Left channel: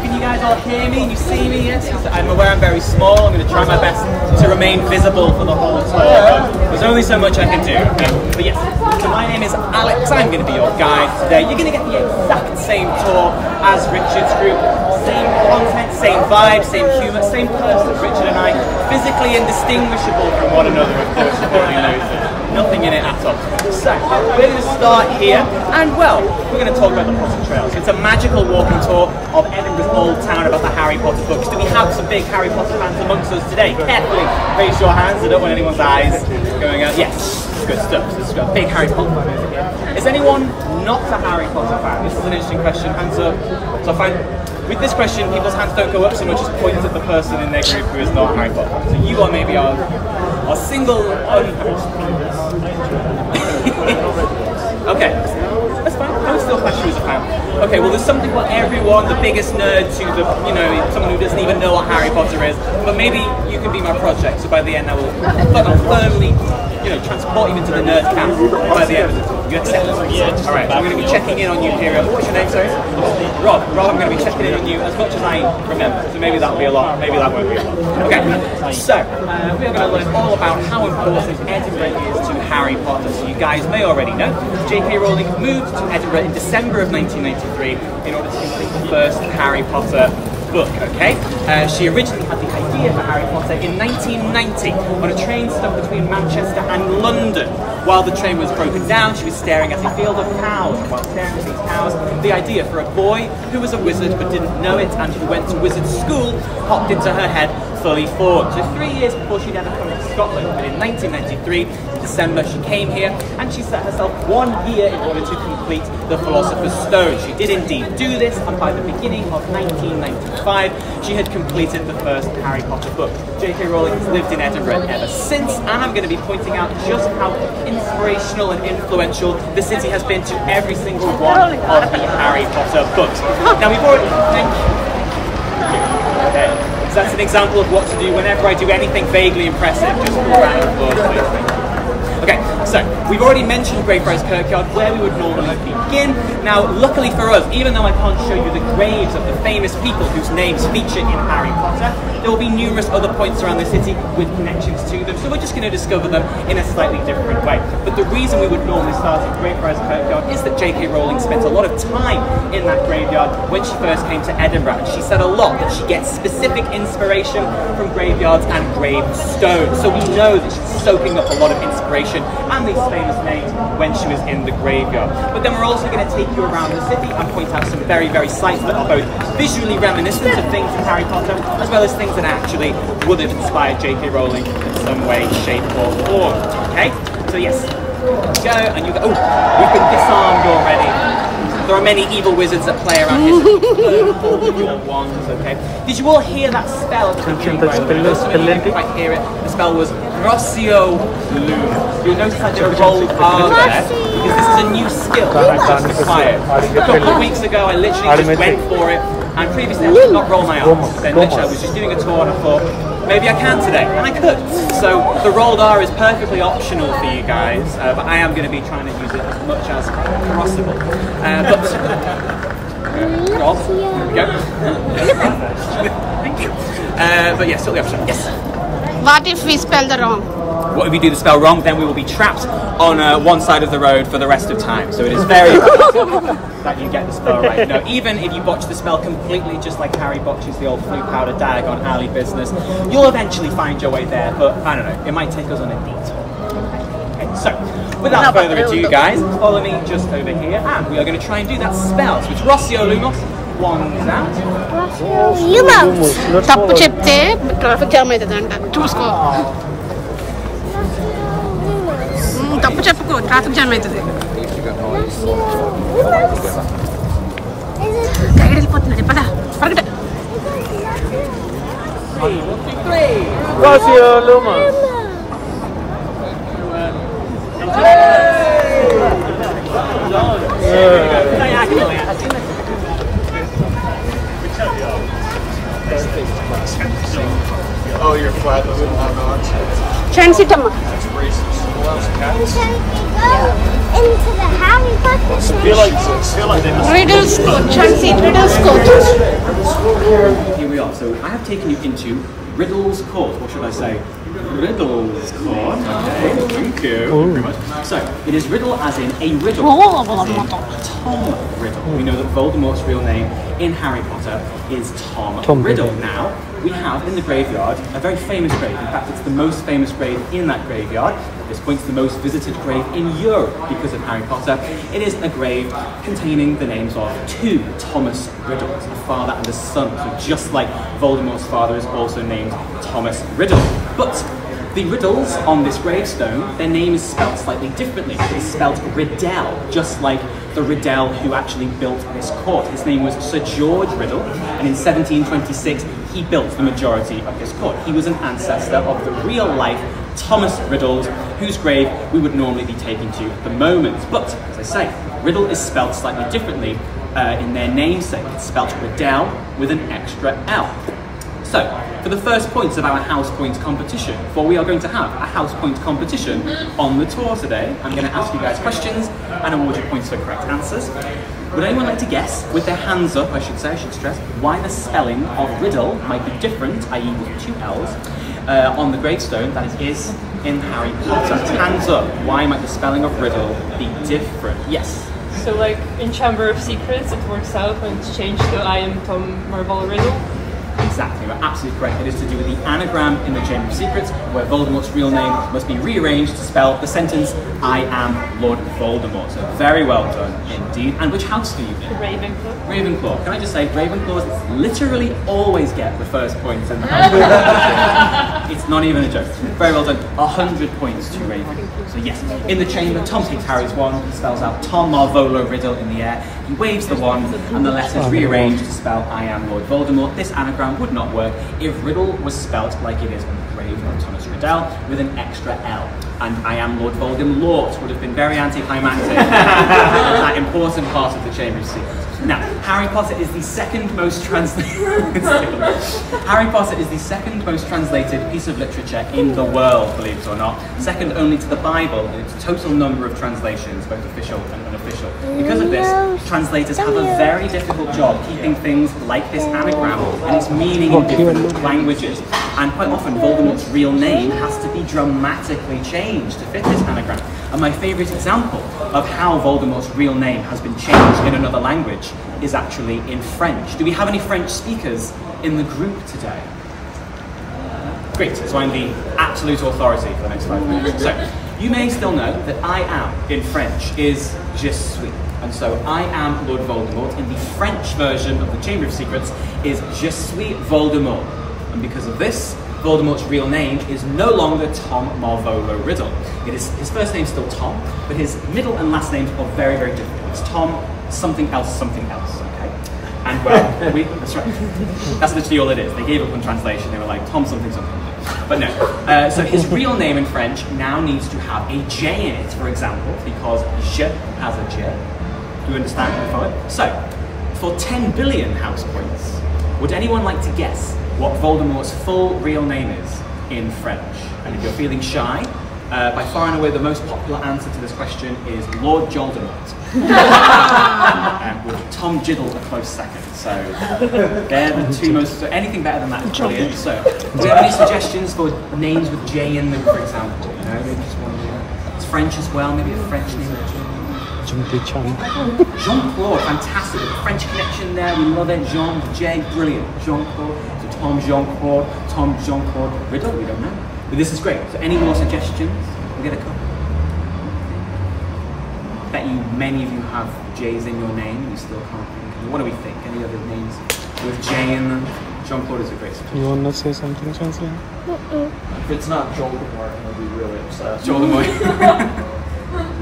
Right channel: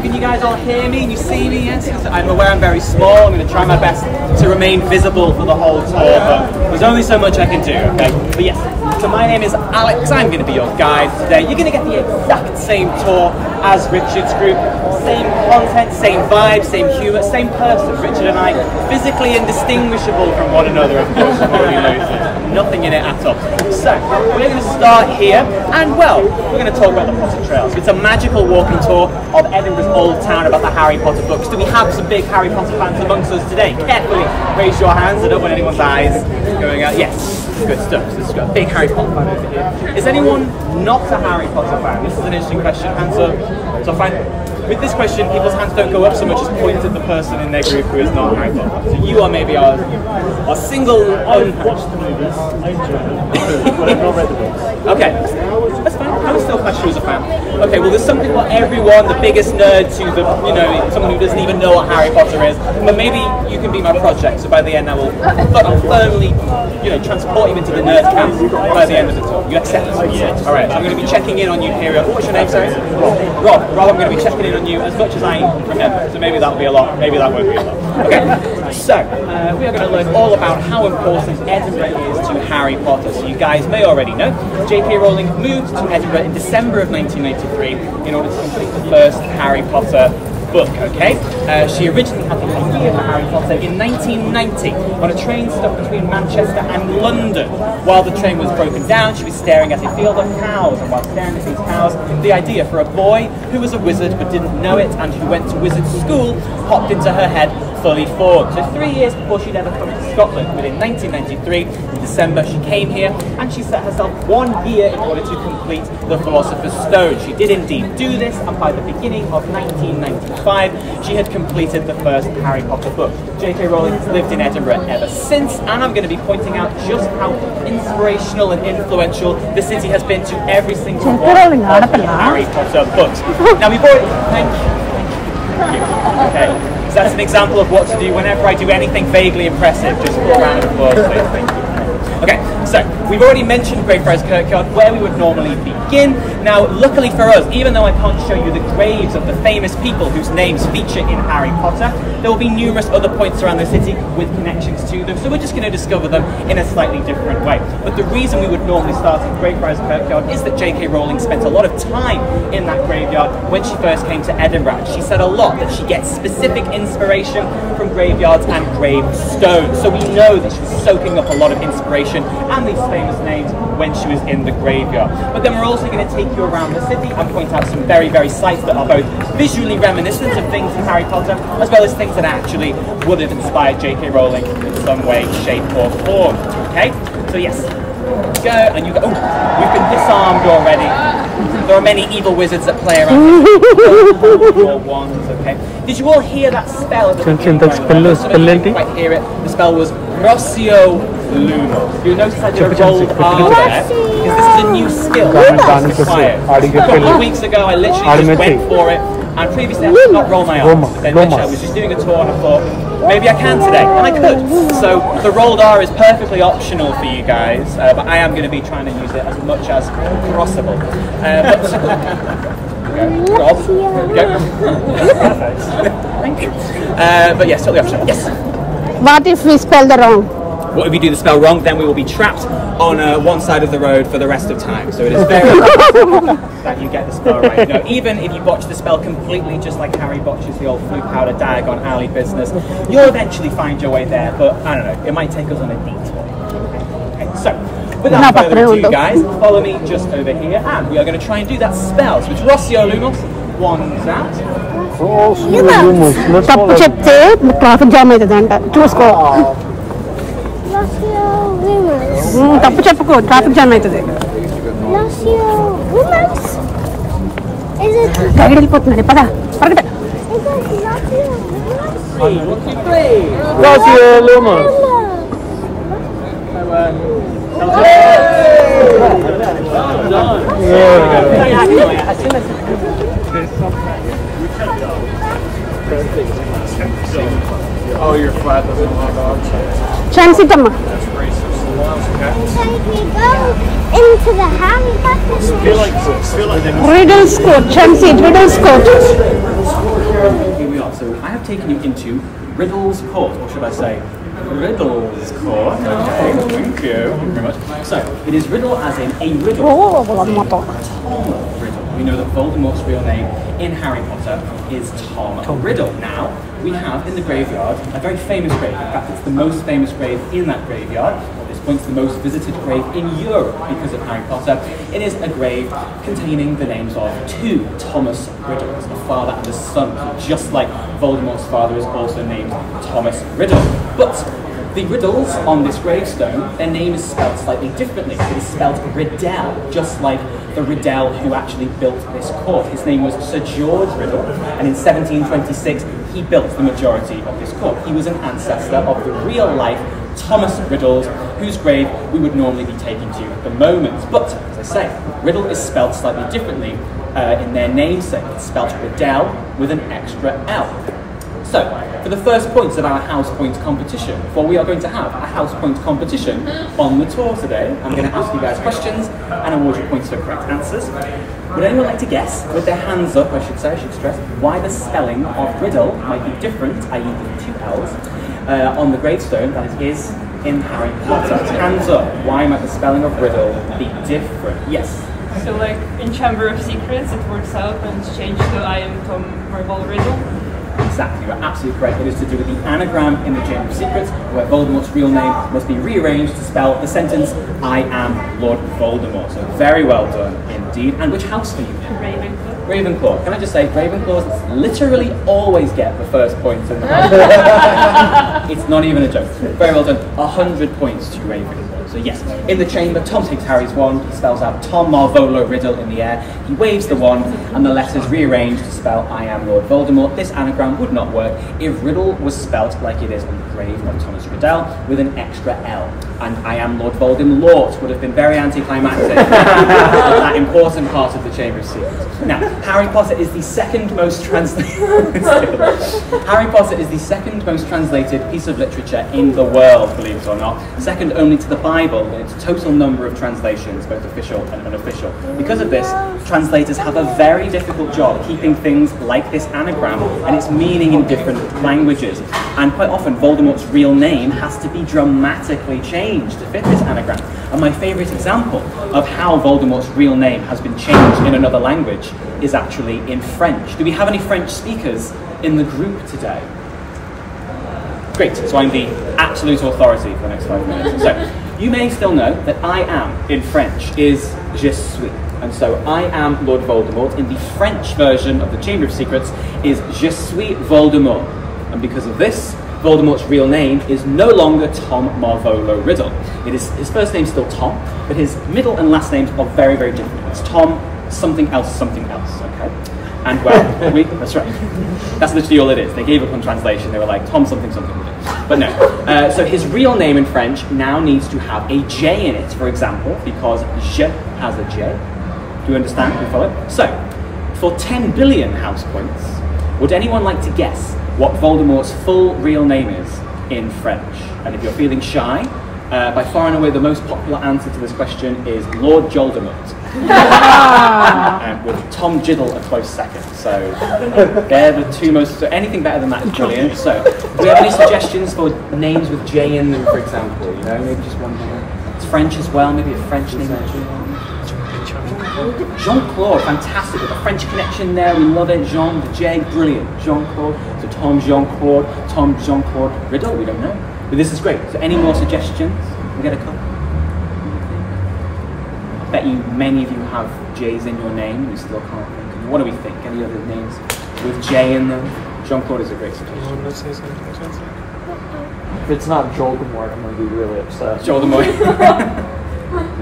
So can you guys all hear me? And you see me? Yes. I'm aware I'm very small. I'm going to try my best to remain visible for the whole tour, but there's only so much I can do, okay? But yes, so my name is Alex. I'm going to be your guide today. You're going to get the exact same tour as Richard's group. Same content, same vibe, same humour, same person. Richard and I, physically indistinguishable from one another, of course, you've already noticed. Nothing in it at all. So, we're going to start here, and well, we're going to talk about the Potter Trails. It's a magical walking tour of Edinburgh's old town about the Harry Potter books. Do we have some big Harry Potter fans amongst us today? Carefully raise your hands. I don't want anyone's eyes going out. Yes, good stuff. So we've got a big Harry Potter fan over here. Is anyone not a Harry Potter fan? This is an interesting question. Hands up. So I find with this question, people's hands don't go up so much as point at the person in their group who is not a Harry Potter fan. So you are maybe our single Okay, that's fine. I would still class you as a fan. Okay, well there's something for everyone, the biggest nerd to the, you know, someone who doesn't even know what Harry Potter is. But maybe you can be my project, so by the end I will firmly, you know, transport you into the nerd camp by the end of the tour. You accept? Yes. Alright, so I'm going to be checking in on you periodically. What's your name, sorry? Rob. Rob, I'm going to be checking in on you as much as I remember. So maybe that'll be a lot, maybe that won't be a lot. Okay, so we are going to learn all about how important Edinburgh is to Harry Potter. So you guys may already know, J.K. Rowling moved to Edinburgh in December of 1993 in order to complete the first Harry Potter book, okay? She originally had the idea for Harry Potter in 1990 on a train stuck between Manchester and London. While the train was broken down, she was staring at a field of cows, and while staring at these cows, the idea for a boy who was a wizard but didn't know it and who went to wizard school popped into her head fully formed. So 3 years before she'd ever come to Scotland, but in 1993, in December, she came here and she set herself 1 year in order to complete the Philosopher's Stone. She did indeed do this, and by the beginning of 1995, she had completed the first Harry Potter book. J.K. Rowling has lived in Edinburgh ever since, and I'm going to be pointing out just how inspirational and influential the city has been to every single one of the Harry Potter books. Now we've already... Thank you. Okay. So that's an example of what to do whenever I do anything vaguely impressive. Just for a round of applause, please. Thank you. Okay, so we've already mentioned Greyfriars Kirkyard, where we would normally begin. Now, luckily for us, even though I can't show you the graves of the famous people whose names feature in Harry Potter, there will be numerous other points around the city with connections to them, so we're just going to discover them in a slightly different way. But the reason we would normally start in Greyfriars Kirkyard is that J.K. Rowling spent a lot of time in that graveyard when she first came to Edinburgh, and she said a lot that she gets specific inspiration from graveyards and gravestones. So we know that she's soaking up a lot of inspiration and these famous names when she was in the graveyard. But then we're also going to take you around the city and point out some very, very sights that are both visually reminiscent of things in Harry Potter, as well as things that actually would have inspired J.K. Rowling in some way, shape or form. Okay? So yes, go and you go. Oh, we've been disarmed already. There are many evil wizards that play around here. So your wands, okay? Did you all hear that spell at the beginning, by the way? I know some of you didn't quite hear it. The spell was Rossio Lumos. You'll notice I did a rolled R there, because this is a new skill that I've just acquired. A couple of weeks ago, I literally just went for it, and previously I did not roll my R's. But then literally I was just doing a tour, and I thought, maybe I can today, and I could. So the rolled R is perfectly optional for you guys, but I am going to be trying to use it as much as possible. But Rob, here we go. Thank you. But yes, totally optional. Yes. What if we spell the wrong? What if we do the spell wrong? Then we will be trapped on one side of the road for the rest of time. So it is very important that you get the spell right. You know, even if you botch the spell completely, just like Harry botches the old flute powder Diagon Alley business, you'll eventually find your way there. But I don't know, it might take us on a detour. Okay, so without further ado, guys, follow me just over here, and we are going to try and do that spell. So it's Rossio Lumos. Wands out. Lumos. Tappu chepte traffic jam aitadanta. Chusko. Tappu cheppuko traffic jam aitadi. Guide వెళ్ళిపోతుంది పద పరిగెత్త. Rossio Lumos. Oh, you're flat. Chance it into the Harry Potter. Riddle score. Chance it. Riddle score. Here we are. So I have taken you into Riddle's Court, or should I say Riddle's Court. Okay, thank you very much. So, it is Riddle as in a riddle. Tom Riddle. We know that Voldemort's real name in Harry Potter is Tom Riddle. Now, we have in the graveyard a very famous grave. In fact, it's the most famous grave in that graveyard. At this point, it's the most visited grave in Europe because of Harry Potter. It is a grave containing the names of two Thomas Riddles, a father and a son. So just like Voldemort's father is also named Thomas Riddle. But the Riddles on this gravestone, their name is spelled slightly differently. It is spelled Riddell, just like the Riddell who actually built this court. His name was Sir George Riddle, and in 1726 he built the majority of this court. He was an ancestor of the real-life Thomas Riddle, whose grave we would normally be taking to at the moment. But, as I say, Riddle is spelled slightly differently in their namesake. It's spelled Riddell with an extra L. So, for the first points of our house point competition, well, we are going to have a house point competition on the tour today. I'm going to ask you guys questions and award you points for correct answers. Would anyone like to guess, with their hands up, I should stress, why the spelling of Riddle might be different, i.e. with two L's, on the gravestone that it is in Harry Potter? Hands up, why might the spelling of Riddle be different? Yes? So, like, in Chamber of Secrets, it works out when it's changed to I am Tom Marvel Riddle. Exactly, you're absolutely correct. It is to do with the anagram in the Chamber of Secrets, where Voldemort's real name must be rearranged to spell the sentence, I am Lord Voldemort. So very well done indeed. And which house are you in? Ravenclaw. Ravenclaw. Can I just say, Ravenclaws literally always get the first points in the house. It's not even a joke. Very well done. 100 points to Ravenclaw. So yes, in the chamber, Tom takes Harry's wand, he spells out Tom Marvolo Riddle in the air, he waves the wand, and the letters rearranged to spell I am Lord Voldemort. This anagram would not work if Riddle was spelt like it is on the grave of Thomas Riddell, with an extra L. And I am Lord Voldemort would have been very anticlimactic. That important part of the Chamber of Secrets. Now, Harry Potter is the second most translated Harry Potter is the second most translated piece of literature in the world, believe it or not. Second only to the Bible in its total number of translations, both official and unofficial. Because of this, translators have a very difficult job keeping things like this anagram and its meaning in different languages. And quite often, Voldemort's real name has to be dramatically changed to fit this anagram. And my favourite example of how Voldemort's real name has been changed in another language is actually in French. Do we have any French speakers in the group today? Great, so I'm the absolute authority for the next 5 minutes. So, you may still know that I am in French is je suis. And so I am Lord Voldemort in the French version of the Chamber of Secrets is je suis Voldemort. And because of this, Voldemort's real name is no longer Tom Marvolo Riddle. It is, his first name's still Tom, but his middle and last names are very, very different. It's Tom something else, okay? And well, that's right. That's literally all it is. They gave up on translation. They were like, Tom something. But no. So his real name in French now needs to have a J in it, for example, because je has a J. Do you understand? Do you follow? So, for 10 billion house points, would anyone like to guess what Voldemort's full real name is in French? And if you're feeling shy, by far and away the most popular answer to this question is Lord Voldemort. With Tom Jiddle a close second. So they're the two most. So anything better than that is brilliant. So do we have any suggestions for names with J in them, for example? You know, maybe just one name. It's French as well. Maybe a French name. Jean-Claude, fantastic. With a French connection there, we love it. Jean, J, brilliant. Jean-Claude. So Tom Jean-Claude Riddle. We don't know, but this is great. So any more suggestions? We'll get a couple. I bet you many of you have J's in your name and you still can't think. What do we think? Any other names with J in them? Jean-Claude is a great suggestion. You want to say something, Chelsea? If it's not Voldemort, I'm going to be really upset. Voldemort.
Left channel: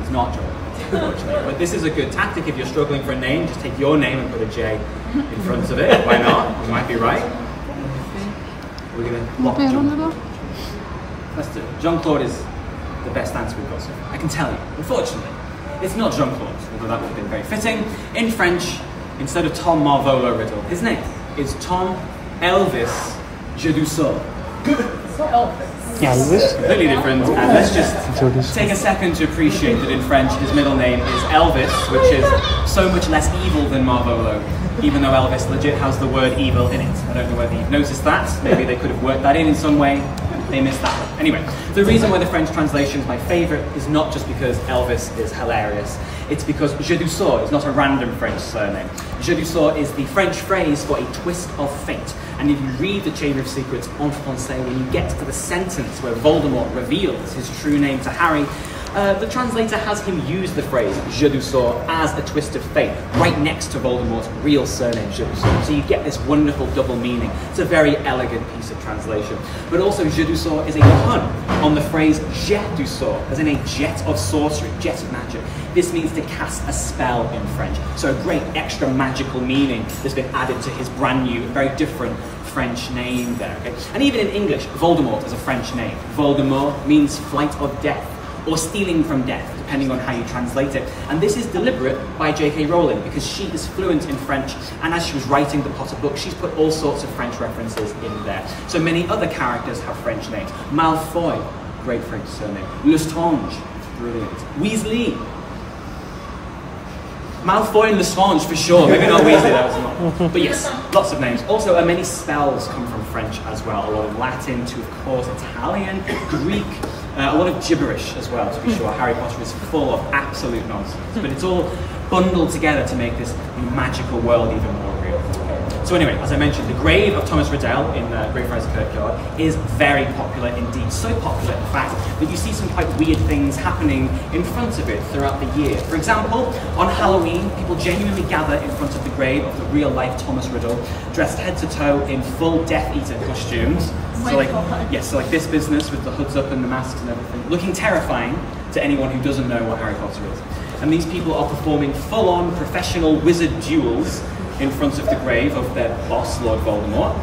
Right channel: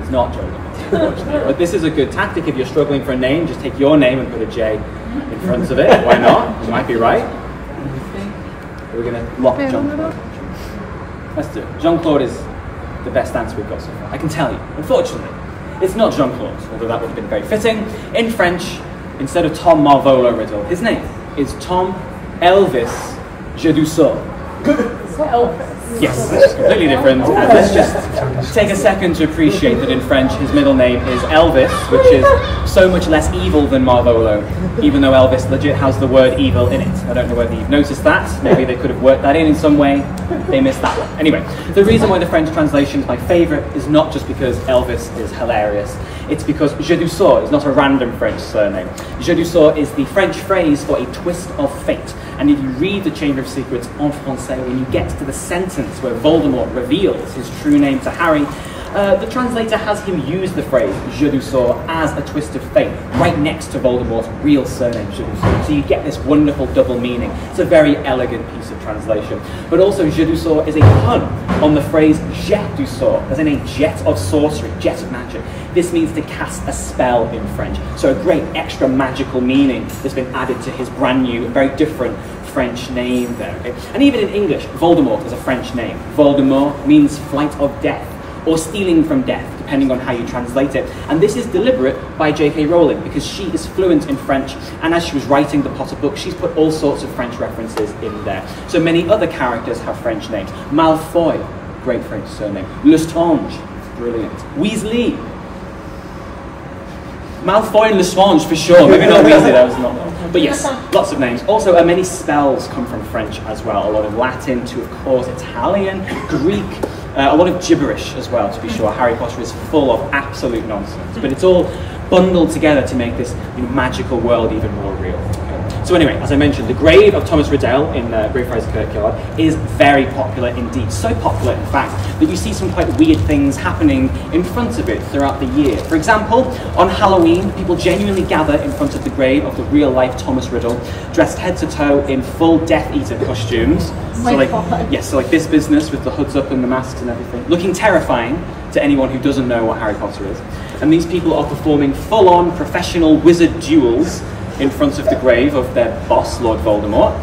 It's not Voldemort, unfortunately. But this is a good tactic. If you're struggling for a name, just take your name and put a J in front of it. Why not? You might be right. We're going to lock Jean-Claude. Let's do it. Jean-Claude is the best answer we've got so far. I can tell you. Unfortunately, it's not Jean-Claude, although that would have been very fitting. In French, instead of Tom Marvolo Riddle, his name is Tom Elvis Jedusor. Elvis. Yes, it's completely different. And let's just take a second to appreciate that in French his middle name is Elvis, which is so much less evil than Marvolo, even though Elvis legit has the word evil in it. I don't know whether you've noticed that. Maybe they could have worked that in some way. They missed that one. Anyway, the reason why the French translation is my favourite is not just because Elvis is hilarious. It's because Je du sort is not a random French surname. Je du sort is the French phrase for a twist of fate. And if you read The Chamber of Secrets en français, when you get to the sentence where Voldemort reveals his true name to Harry, the translator has him use the phrase Je du sort as a twist of fate, right next to Voldemort's real surname, Je du sort. So you get this wonderful double meaning. It's a very elegant piece of translation. But also, Je du sort is a pun on the phrase Jet du sort, as in a jet of sorcery, jet of magic. This means to cast a spell in French. So a great extra magical meaning has been added to his brand new, very different French name there. Okay? And even in English, Voldemort is a French name. Voldemort means flight of death, or stealing from death, depending on how you translate it. And this is deliberate by J.K. Rowling, because she is fluent in French, and as she was writing the Potter book, she's put all sorts of French references in there. So many other characters have French names. Malfoy, great French surname. Lestrange, brilliant. Weasley. Malfoy and Lestrange for sure, maybe not Weasley, that was not. But yes, lots of names. Also, many spells come from French as well. A lot of Latin to, of course, Italian, Greek, a lot of gibberish as well, to be sure. Harry Potter is full of absolute nonsense, but it's all bundled together to make this magical world even more real. Okay. So anyway, as I mentioned, the grave of Thomas Riddell in Greyfriars Kirkyard is very popular indeed. So popular, in fact, that you see some quite weird things happening in front of it throughout the year. For example, on Halloween, people genuinely gather in front of the grave of the real-life Thomas Riddle, dressed head to toe in full Death Eater costumes. So like, yes, so like this business with the hoods up and the masks and everything, looking terrifying to anyone who doesn't know what Harry Potter is. And these people are performing full-on professional wizard duels in front of the grave of their boss, Lord Voldemort,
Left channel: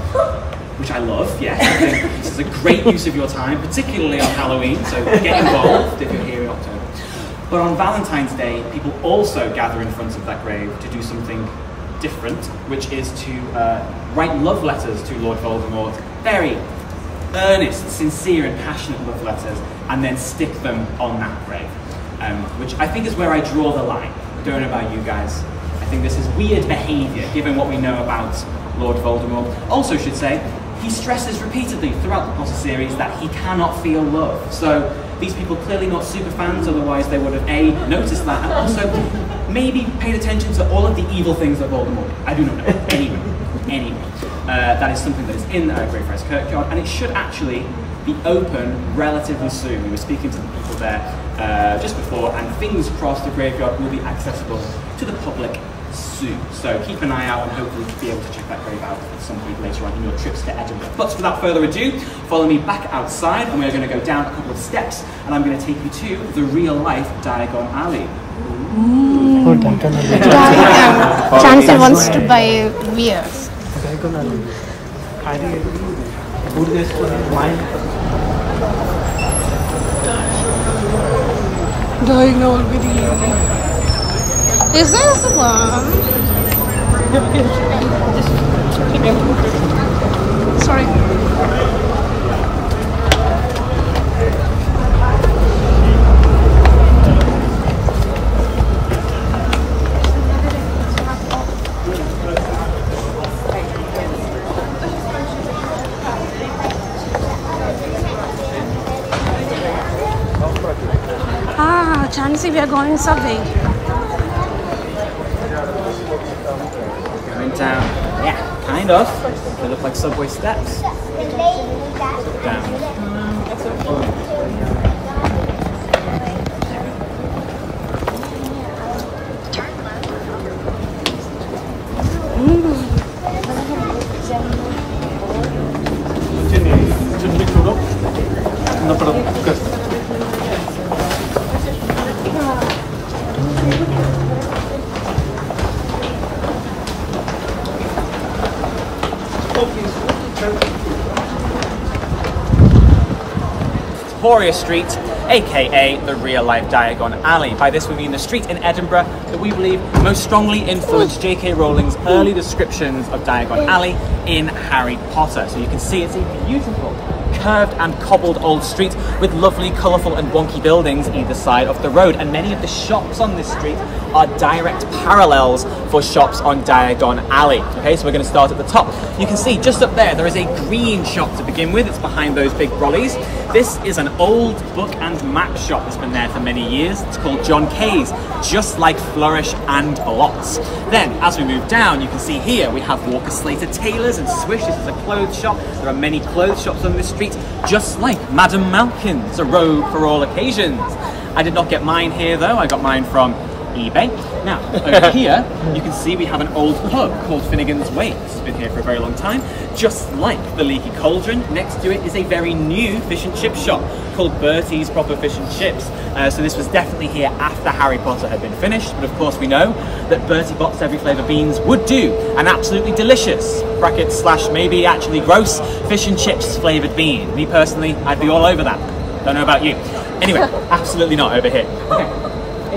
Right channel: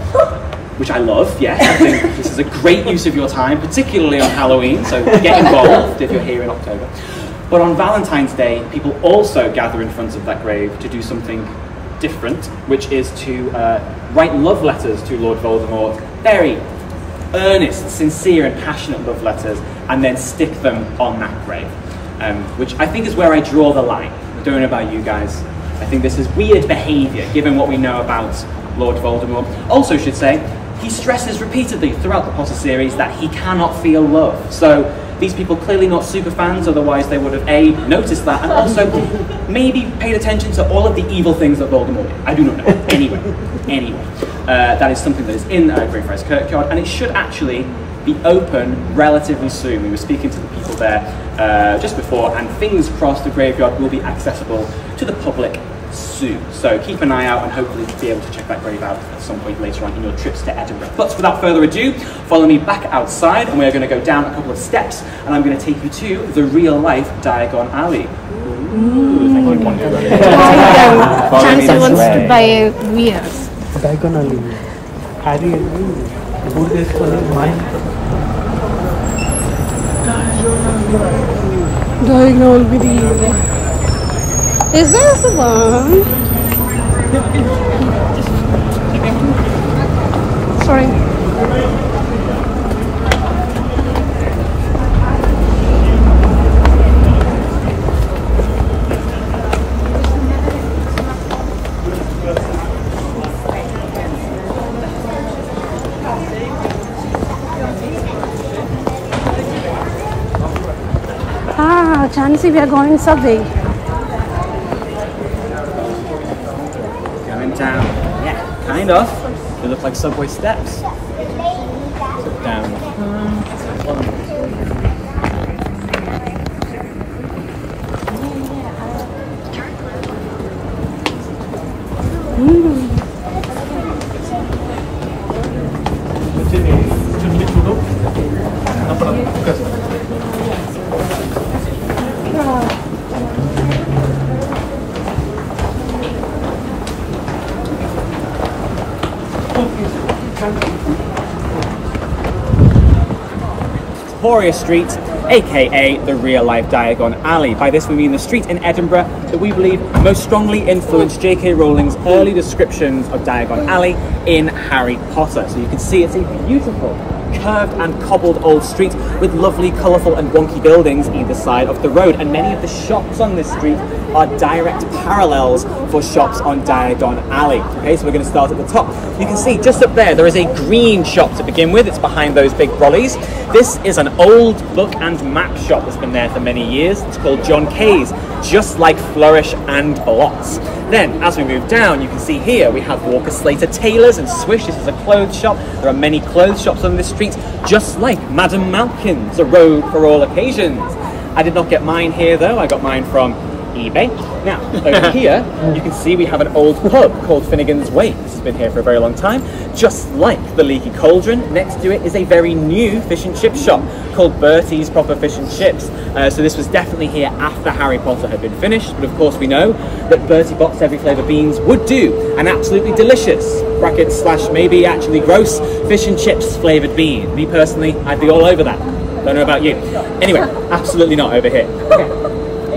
which I love, yes. I think this is a great use of your time, particularly on Halloween, so get involved if you're here in October. But on Valentine's Day, people also gather in front of that grave to do something different, which is to write love letters to Lord Voldemort, very earnest, sincere and passionate love letters, and then stick them on that grave, which I think is where I draw the line. I don't know about you guys. I think this is weird behaviour, given what we know about Lord Voldemort. Also, should say, he stresses repeatedly throughout the Potter series that he cannot feel love. So these people clearly not super fans, otherwise they would have A, noticed that, and also maybe paid attention to all of the evil things that Voldemort did. I do not know. Anyway. That is something that is in Greyfriars Kirkyard, and it should actually be open relatively soon. We were speaking to the people there just before, and fingers crossed the graveyard will be accessible to the public soon. So keep an eye out and hopefully be able to check that grave out at some point later on in your trips to Edinburgh. But without further ado, follow me back outside and we're going to go down a couple of steps and I'm going to take you to the real life Diagon Alley. Diagon. Chancey wants to buy wares. Diagon Alley. Harry, good days for mine. Diagon Alley. Is this the one? Sorry. Ah, Chancey, we are going subway. Going down, yeah, kind of. They look like subway steps. So down. Victoria Street, aka the real life Diagon Alley. By this we mean the street in Edinburgh that we believe most strongly influenced J.K. Rowling's early descriptions of Diagon Alley in Harry Potter. So you can see it's a beautiful curved and cobbled old street with lovely, colourful and wonky buildings either side of the road. And many of the shops on this street are direct parallels for shops on Diagon Alley. Okay, so we're going to start at the top. You can see just up there is a green shop to begin with. It's behind those big brollies. This is an old book and map shop that's been there for many years. It's called John Kay's, just like Flourish and Blotts. Then, as we move down, you can see here we have Walker Slater Tailors and Swish. This is a clothes shop. There are many clothes shops on this street, just like Madame Malkin's, a robe for all occasions. I did not get mine here though. I got mine from eBay. Now, over here, you can see we have an old pub called Finnegan's Wake. This has been here for a very long time. Just like the Leaky Cauldron, next to it is a very new fish and chip shop called Bertie's Proper Fish and Chips. So this was definitely here after Harry Potter had been finished, but of course we know that Bertie Bott's Every Flavour beans would do an absolutely delicious, brackets slash maybe actually gross, fish and chips flavoured bean. Me personally, I'd be all over that. Don't know about you. Anyway, absolutely not over here. Okay.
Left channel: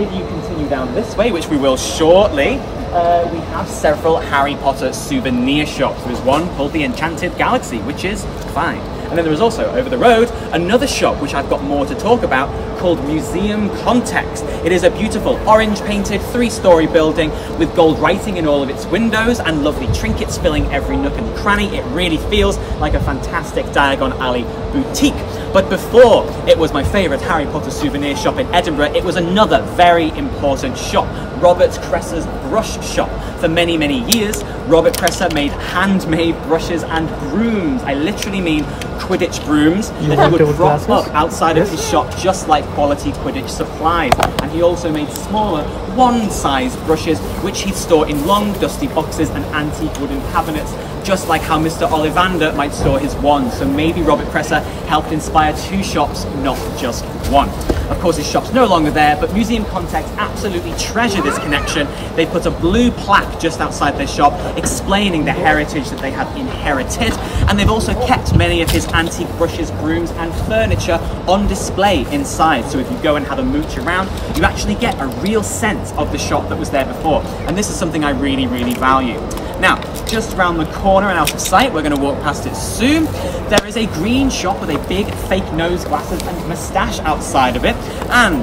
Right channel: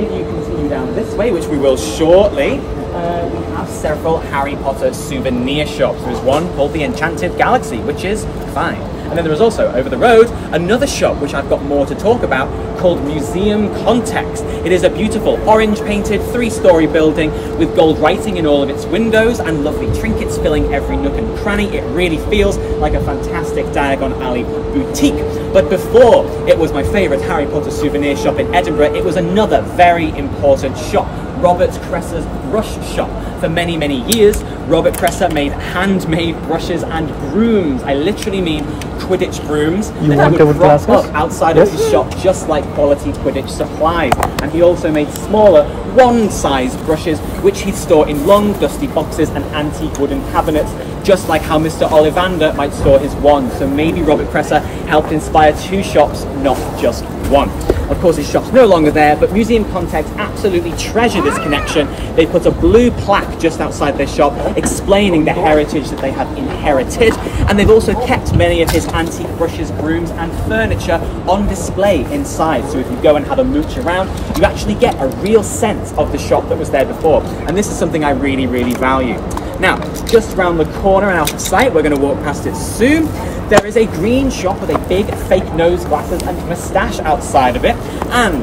If you continue down this way, which we will shortly, we have several Harry Potter souvenir shops. There's one called the Enchanted Galaxy, which is fine. And then there is also, over the road, another shop, which I've got more to talk about, called Museum Context. It is a beautiful orange-painted 3-story building with gold writing in all of its windows and lovely trinkets filling every nook and cranny. It really feels like a fantastic Diagon Alley boutique. But before it was my favourite Harry Potter souvenir shop in Edinburgh, it was another very important shop, Robert Cress's brush shop. For many, many years, Robert Cresser made handmade brushes and brooms. I literally mean Quidditch brooms that he would prop up outside of his shop, just like quality Quidditch supplies. And he also made smaller, wand-sized brushes, which he'd store in long, dusty boxes and antique wooden cabinets, just like how Mr. Ollivander might store his wand. So maybe Robert Cresser helped inspire 2 shops, not just one. Of course, his shop's no longer there, but Museum Context absolutely treasure this connection. They put a blue plaque just outside their shop explaining the heritage that they have inherited, and they've also kept many of his antique brushes, brooms and furniture on display inside. So if you go and have a mooch around, you actually get a real sense of the shop that was there before, and this is something I really, really value. Now, just around the corner and out of sight, we're going to walk past it soon, there is a green shop with a big fake nose glasses and moustache outside of it. And,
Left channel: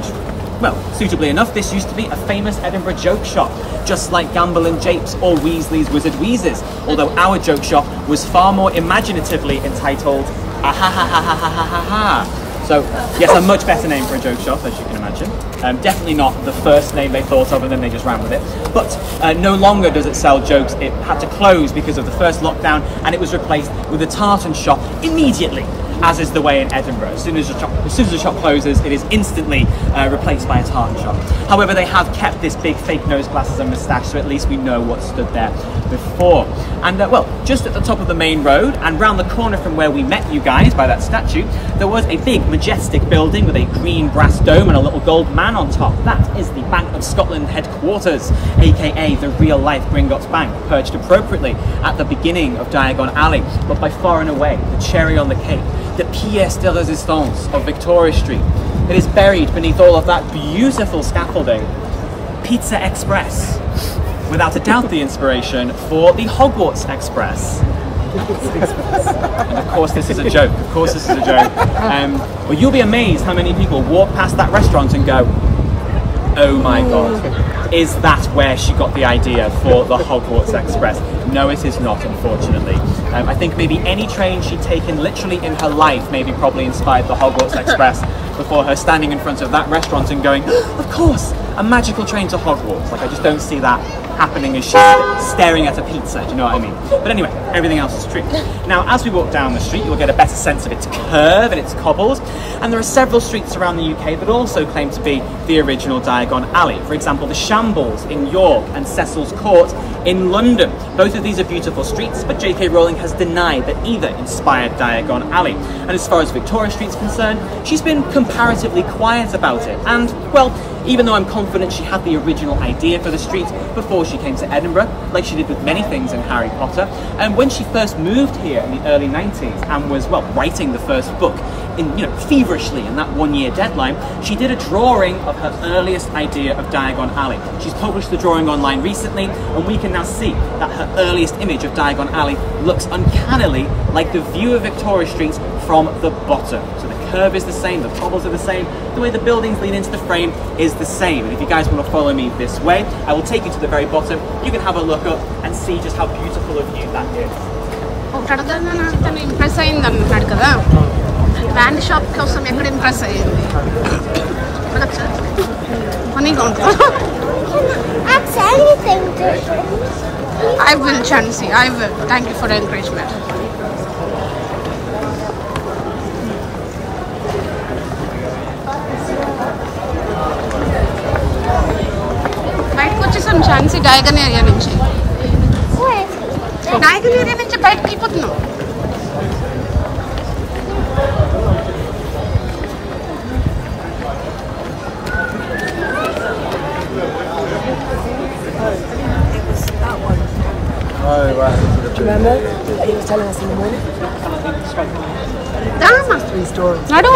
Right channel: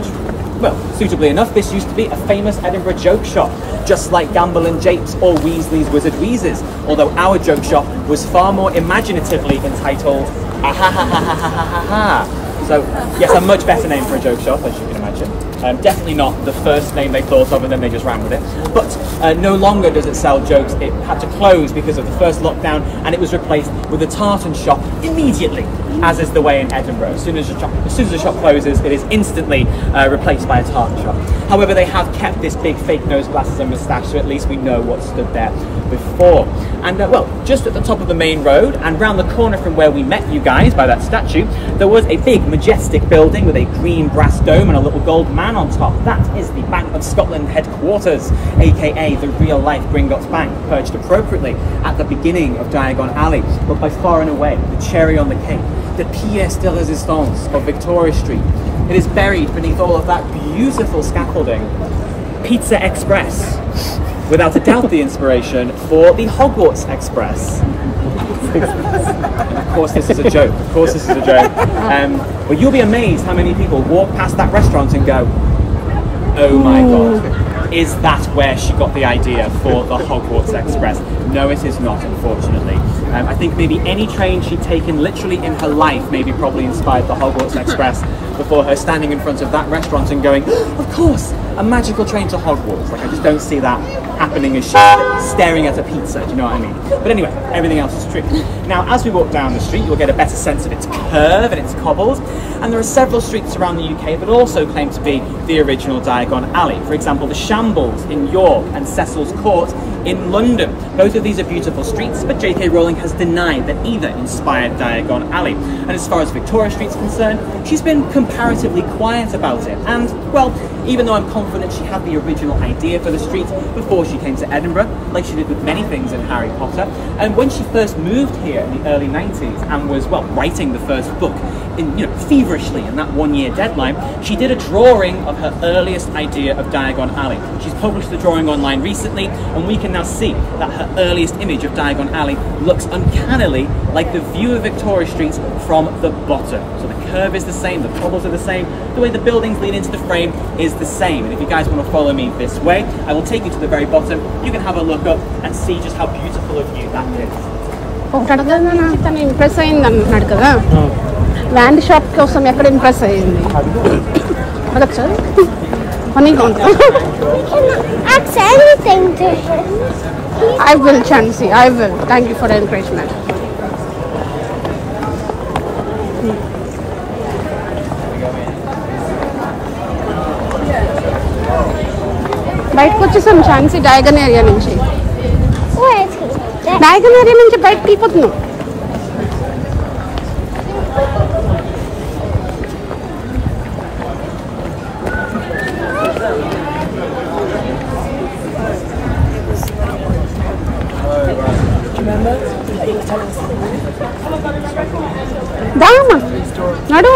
well, suitably enough, this used to be a famous Edinburgh joke shop, just like Gamble and Japes or Weasley's Wizard Wheezes, although our joke shop was far more imaginatively entitled Ah Ha Ha Ha Ha Ha Ha Ha Ha. So, yes, a much better name for a joke shop, as you can imagine. Definitely not the first name they thought of and then they just ran with it. But no longer does it sell jokes. It had to close because of the first lockdown, and it was replaced with a tartan shop immediately, as is the way in Edinburgh. As soon as the shop closes, it is instantly replaced by a tartan shop. However, they have kept this big fake nose glasses and moustache, so at least we know what stood there before. And well, just at the top of the main road and round the corner from where we met you guys by that statue, there was a big majestic building with a green brass dome and a little gold man on top. That is the Bank of Scotland headquarters, aka the real life Gringotts Bank, perched appropriately at the beginning of Diagon Alley, but by far and away the cherry on the cake, the pièce de résistance of Victoria Street. It is buried beneath all of that beautiful scaffolding, Pizza Express. Without a doubt the inspiration for the Hogwarts Express. And of course this is a joke, of course this is a joke. But you'll be amazed how many people walk past that restaurant and go, oh my god, is that where she got the idea for the Hogwarts Express? No, it is not, unfortunately. I think maybe any train she'd taken literally in her life maybe probably inspired the Hogwarts Express before her standing in front of that restaurant and going, of course, a magical train to Hogwarts. Like, I just don't see that happening as she's staring at a pizza, do you know what I mean? But anyway, everything else is true. Now, as we walk down the street, you'll get a better sense of its curve and its cobbles, and there are several streets around the UK that also claim to be the original Diagon Alley. For example, the Shambles in York and Cecil's Court in London. Both of these are beautiful streets, but J.K. Rowling has denied that either inspired Diagon Alley. And as far as Victoria Street's concerned, she's been comparatively quiet about it. And, well, even though I'm confident she had the original idea for the street before she came to Edinburgh, like she did with many things in Harry Potter, and when she first moved here in the early 90s and was, well, writing the first book feverishly in that 1-year deadline, she did a drawing of her earliest idea of Diagon Alley. She's published the drawing online recently, and we can now see that her earliest image of Diagon Alley looks uncannily like the view of Victoria Street from the bottom. So the curve is the same, the cobbles are the same, the way the buildings lean into the frame is the same. And if you guys want to follow me this way, I will take you to the very bottom. You can have a look up and see just how beautiful a view that is. తను impress అయింది అంటున్నాడు కదా, land shop కోసం ఎక్కడ impress అయ్యింది అడగచ్చు sir ఫనీగా ఉంటుంది. That's anything to I will, Chansey, I will. Thank you for the encouragement. బయటకు వచ్చేసాం ఛాన్సీ, డయాగన్ ఏరియా నుంచి. డయాగన్ ఏరియా నుంచి బయటకు వెళ్ళిపోతున్నాం. దామా నడు.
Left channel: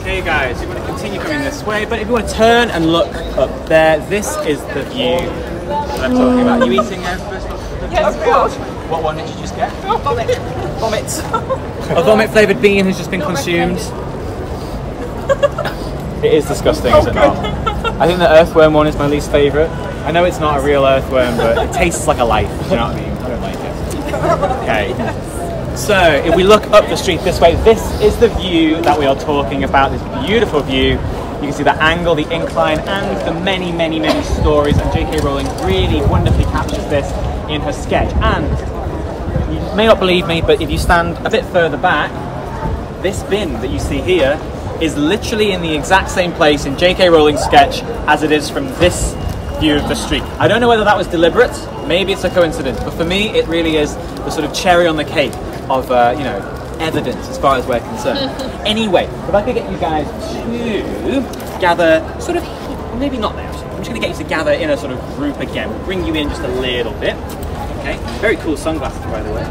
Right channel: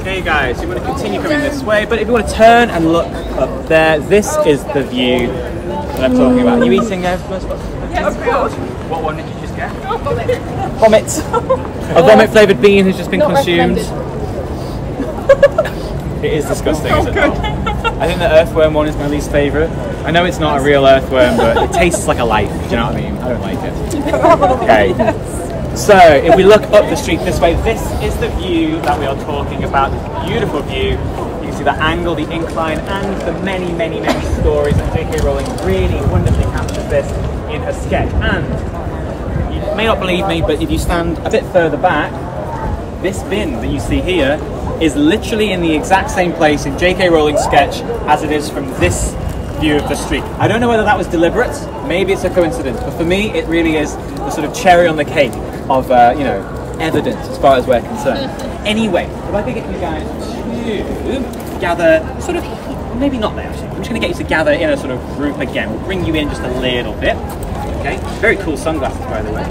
Okay guys, you want to continue coming this way, but if you want to turn and look up there, this is the view that I'm talking about. Are you eating there first? What one did you just get? Vomit. A vomit flavoured bean has just been consumed. It is disgusting, isn't it? I think the earthworm one is my least favourite. I know it's not a real earthworm, but it tastes like a life, do you know what I mean? I don't like it. Okay. So, if we look up the street this way, this is the view that we are talking about. This beautiful view. You can see the angle, the incline, and the many, many, many stories. And J.K. Rowling really wonderfully captures this in her sketch. And you may not believe me, but if you stand a bit further back, this bin that you see here is literally in the exact same place in J.K. Rowling's sketch as it is from this view of the street. I don't know whether that was deliberate, maybe it's a coincidence, but for me it really is the sort of cherry on the cake of, evidence as far as we're concerned. Anyway, if I could get you guys to gather sort of, well, maybe not there actually, I'm just going to get you to gather in a sort of group again. We'll bring you in just a little bit. Okay, very cool sunglasses by the way.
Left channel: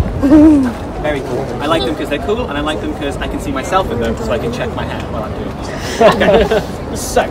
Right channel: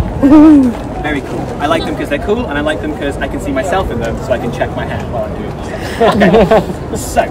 Very cool. I like them because they're cool, and I like them because I can see myself in them, so I can check my hair while I'm doing this. Okay, so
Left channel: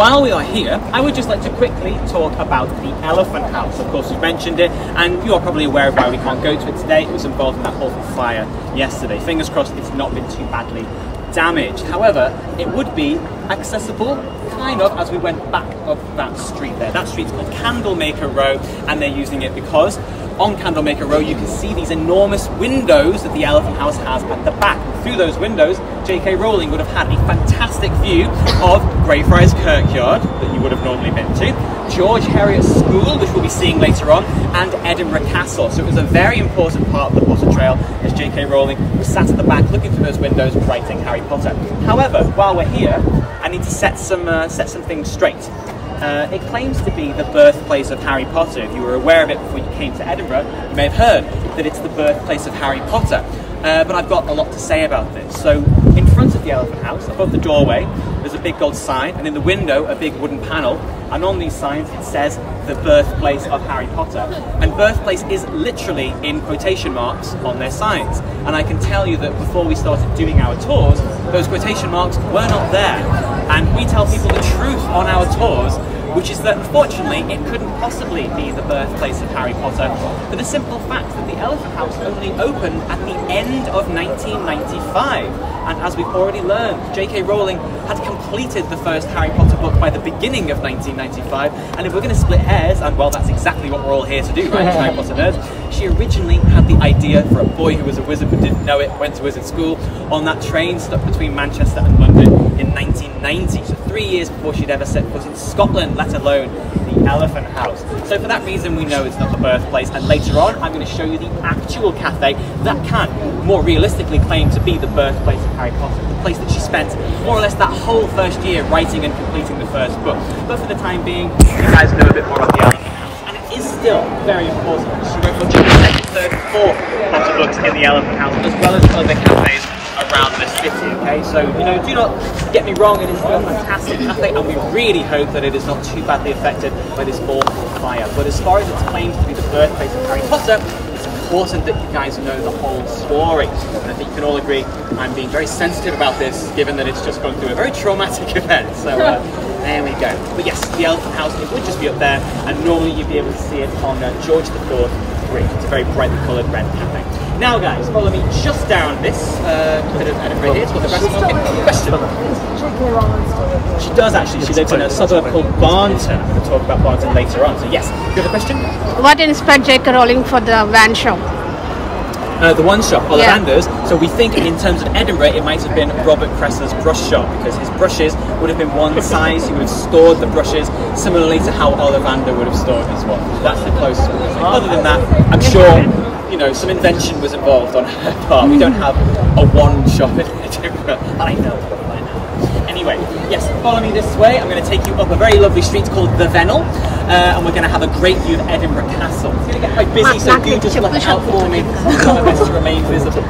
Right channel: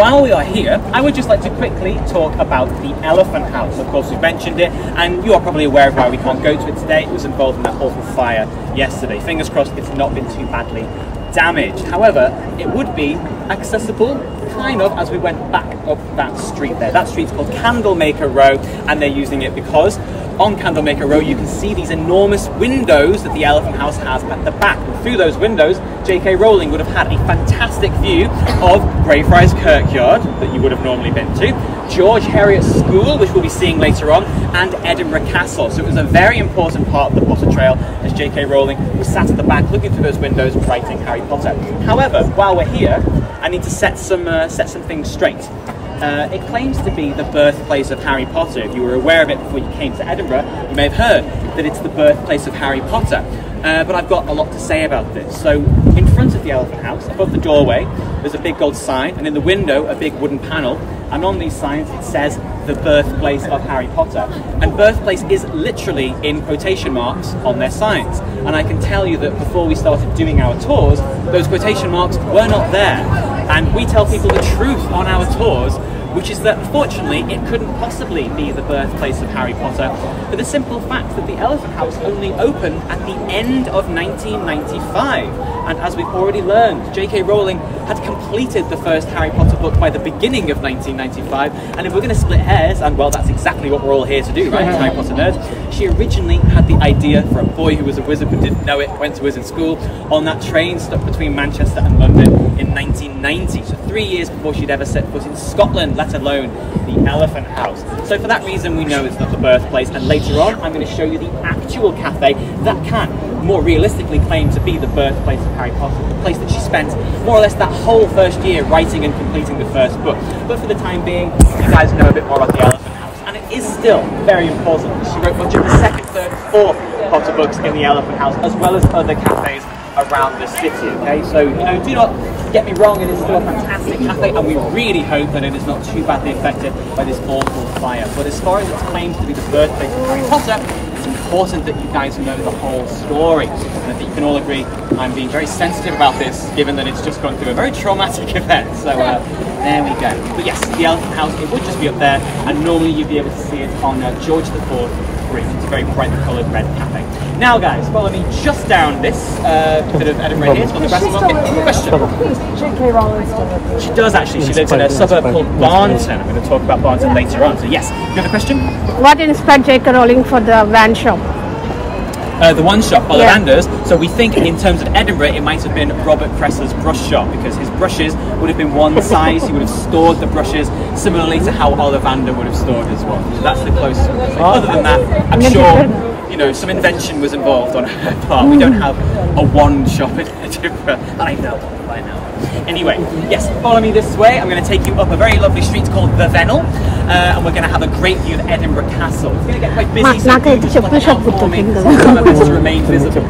while we are here, I would just like to quickly talk about the Elephant House. Of course, we've mentioned it, and you are probably aware of why we can't go to it today. It was involved in that awful fire yesterday. Fingers crossed it's not been too badly damaged. However, it would be accessible kind of as we went back up that street there. That street's called Candlemaker Row, and they're using it because on Candlemaker Row you can see these enormous windows that the Elephant House has at the back. And through those windows, J.K. Rowling would have had a fantastic view of Greyfriars Kirkyard that you would have normally been to, George Heriot's School, which we'll be seeing later on, and Edinburgh Castle. So it was a very important part of the Potter Trail as J.K. Rowling was sat at the back looking through those windows writing Harry Potter. However, while we're here, I need to set some things straight. It claims to be the birthplace of Harry Potter. If you were aware of it before you came to Edinburgh, you may have heard that it's the birthplace of Harry Potter. But I've got a lot to say about this. So in front of the Elephant House, above the doorway, there's a big gold sign, and in the window a big wooden panel, and on these signs it says the birthplace of Harry Potter. And birthplace is literally in quotation marks on their signs. And I can tell you that before we started doing our tours, those quotation marks were not there. And we tell people the truth on our tours, which is that unfortunately it couldn't possibly be the birthplace of Harry Potter for the simple fact that the Elephant House only opened at the end of 1995. And as we've already learned, J.K. Rowling had completed the first Harry Potter book by the beginning of 1995, and if we're going to split hairs, and well, that's exactly what we're all here to do, right, Harry Potter nerds, she originally had the idea for a boy who was a wizard but didn't know it, went to wizard school, on that train stuck between Manchester and London in 1990, so 3 years before she'd ever set foot in Scotland, let alone the Elephant House. So for that reason we know it's not the birthplace, and later on I'm going to show you the actual cafe that can more realistically claim to be the birthplace of Harry Potter, the place that she spent more or less that whole first year writing and completing the first book. But for the time being, you guys know a bit more about the Elephant House, and it is still very important because she wrote much of the second, third, and fourth Potter books in the Elephant House, as well as other cafes around the city, okay? So, you know, do not get me wrong, it is still a fantastic cafe, and we really hope that it is not too badly affected by this awful fire. But as far as its claims to be the birthplace of Harry Potter, it's important that you guys know the whole story. And I think you can all agree I'm being very sensitive about this, given that it's just gone through a very traumatic event. So there we go. But yes, the Elephant House, it would just be up there, and normally you'd be able to see it on George IV Bridge. It's a very brightly coloured red cafe. Now guys, follow me just down this bit of Edinburgh here. It's called the Grass Market. Question. She does actually. She lives in a suburb called Barnton. I'm going to talk about Barnton later on. So yes, you have a question? What inspired J.K. Rowling for the van shop? The one shop, Ollivanders. Yeah. So we think in terms of Edinburgh, it might have been Robert Cress's brush shop, because his brushes would have been one size. He would have stored the brushes similarly to how Ollivander would have stored his one. So that's the closest we can say. Other than that, I'm sure, you know, some invention was involved on her part. We don't have a one shop in Edinburgh that I know of. Anyway, yes, follow me this way. I'm going to take you up a very lovely street called the Vennel, and we're going to have a great view of Edinburgh Castle. It's going to get quite busy, so you just look out for me. I'll try my best to remain visible.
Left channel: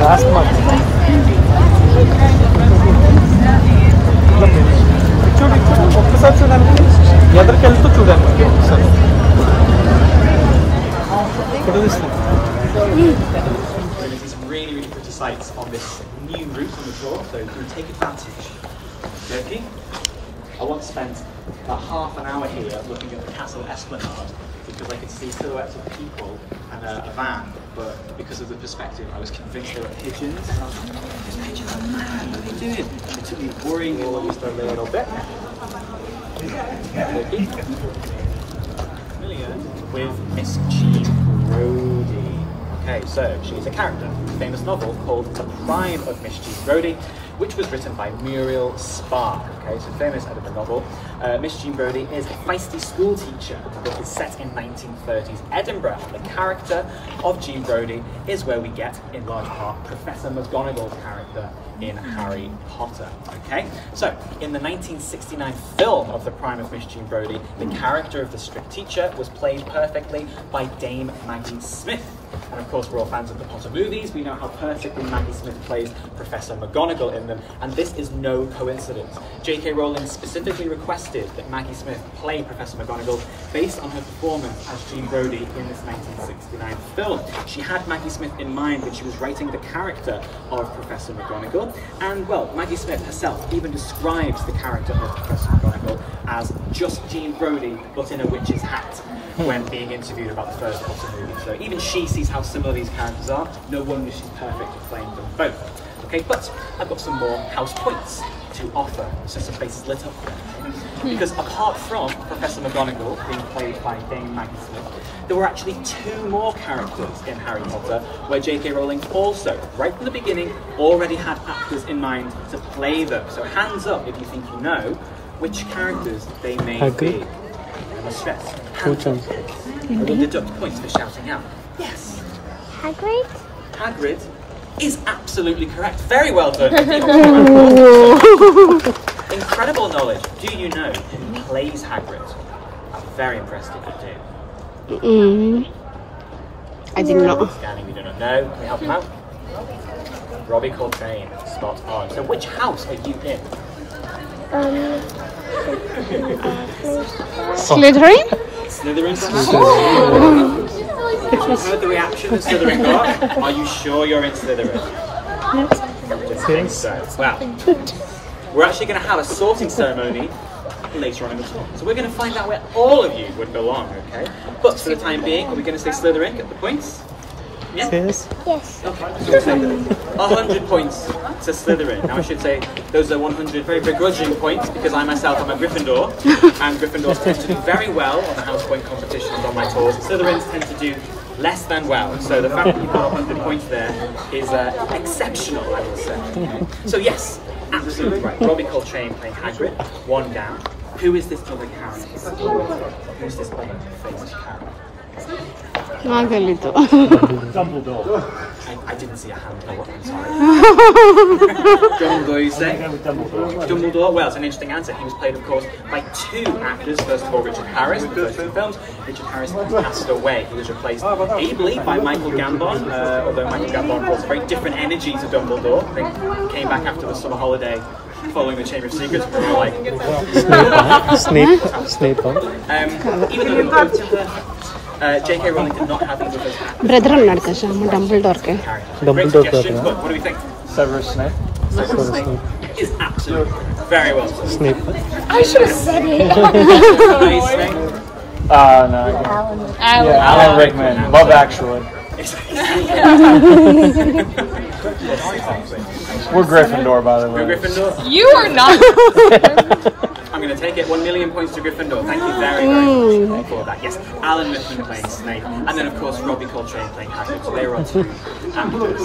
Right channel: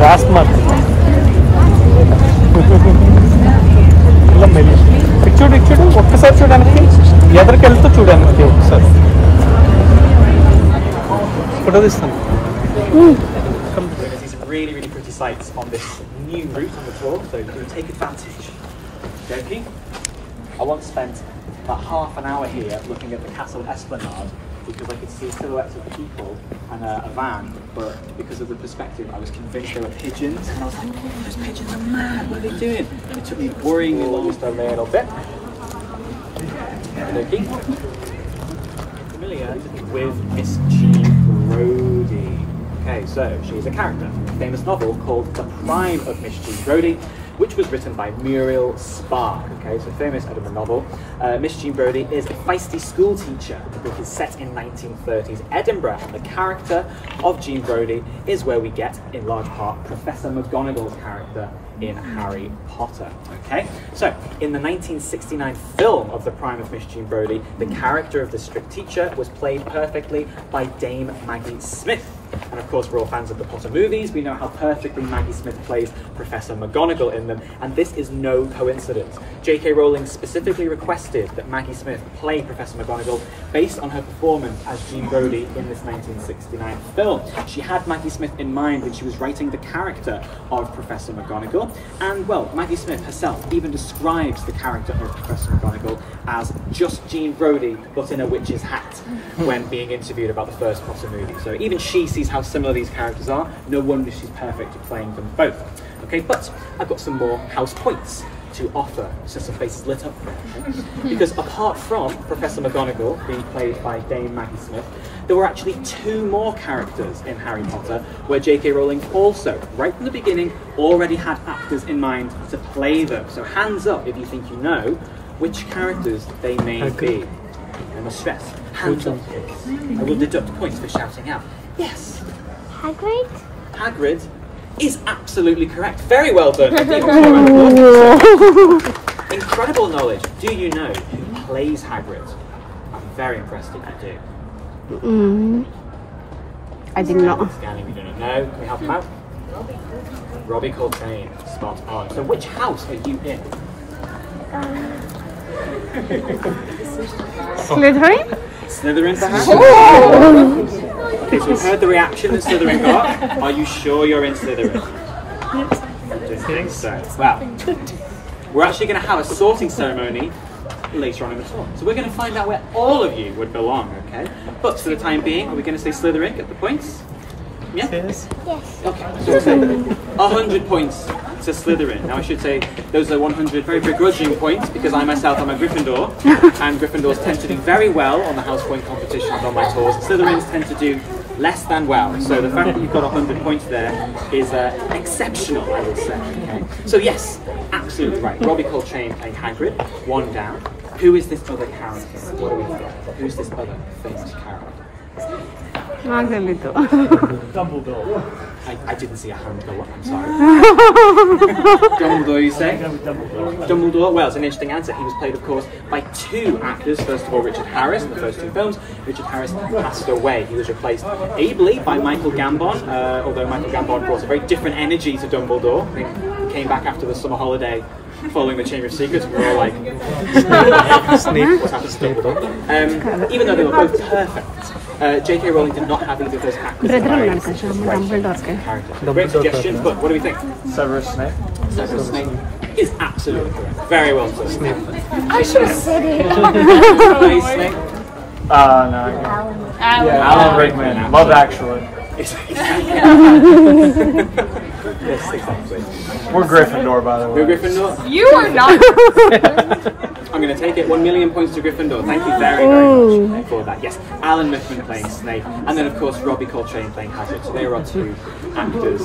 Last month. ఒక్కసారి చూడడానికి ఎదరికి వెళ్తూ చూడడానికి ఒకసారి photo తీస్తాను. Really pretty sights on this new route on the tour, so you can take advantage. Okay? I once spent about half an hour here looking at the castle esplanade because I could see silhouettes of people and a van, but because of the perspective I was convinced they were pigeons, and I was like, those pigeons are mad, what are they doing? It took me worryingly long to learn a little bit. Familiar with Miss G. Brodie. Okay, so she's a character in a famous novel called The Prime of Miss G. Brodie, which was written by Muriel Spark. Okay, so famous Edinburgh novel. Miss Jean Brodie is a feisty school teacher. The book is set in 1930s Edinburgh, and the character of Jean Brodie is where we get, in large part, Professor Mcgonagall's character in Harry Potter. Okay, so in the 1969 film of The Prime of Miss Jean Brodie, the character of the strict teacher was played perfectly by Dame Maggie Smith. And of course, we're all fans of the Potter movies. We know how perfectly Maggie Smith plays Professor Mcgonagall in them, and this is no coincidence. J.K. Rowling specifically requested that Maggie Smith play Professor Mcgonagall based on her performance as Jean Brodie in this 1969 film. She had Maggie Smith in mind when she was writing the character of Professor Mcgonagall, and well, Maggie Smith herself even describes the character of Professor Mcgonagall as just Jean Brodie, but in a witch's hat, when being interviewed about the first Potter movie. So even she sees how similar these characters are. No wonder she's perfect at playing them both. Okay, but I've got some more house points to offer, so some faces lit up there. Okay? Because apart from Professor Mcgonagall being played by Dame Maggie Smith, there were actually two more characters in Harry Potter where J.K. Rowling also, right from the beginning, already had actors in mind to play them. So hands up if you think you know which characters they may be. I must stress, hands up. I will deduct points for shouting out. Yes. Hagrid? Hagrid is absolutely correct. Very well done. Incredible knowledge. Do you know who plays Hagrid? I'd be very impressed if you do. I did not. Scanning, you do not know. Can we help him out? Robbie Coltrane. Spot on. So which house are you in? Slytherin? Slytherin's the house? Okay, so we've heard the reaction that Slytherin got. Are you sure you're in Slytherin? I don't think so. Well, we're actually going to have a sorting ceremony later on in the tour. So we're going to find out where all of you would belong, okay? But for the time being, are we going to say Slytherin, get the points? Yeah? Yes. Okay, so 100 points to Slytherin. Now I should say those are 100 very begrudging points because I myself am a Gryffindor, and Gryffindors tend to do very well on the house point competitions on my tours. Slytherins tend to do less than well. So the fact that you've got 100 points there is exceptional, I will say. Okay? So yes, absolutely right. Robbie Coltrane playing Hagrid, one down. Who is this other character? What do we think? Who's this other famous character? నాకు తెలీదు. I didn't see a hand go up, I'm sorry. Dumbledore, you say? Dumbledore? Well, it's an interesting answer. He was played, of course, by two actors. First of all, Richard Harris in the first two films. Richard Harris passed away. He was replaced ably by Michael Gambon, although Michael Gambon brought a very different energy to Dumbledore. I think he came back after the summer holiday following the Chamber of Secrets, we were all like, Snape. Even though they were both perfect, J.K. Rowling did not have either of those actors. Great suggestions, but what do we think? Severus Snape. Severus Snape is absolutely correct. Very well said. Snape. I should have said it. Snape. No. Alan Rickman. Love Actually. Yes, exactly. We're Gryffindor, by the way. We're Gryffindor? You are not. I'm going to take it. 1 million points to Gryffindor. Thank you very much for that. Yes, Alan Rickman playing Snape, and then of course Robbie Coltrane playing Hagrid. So they were our two actors.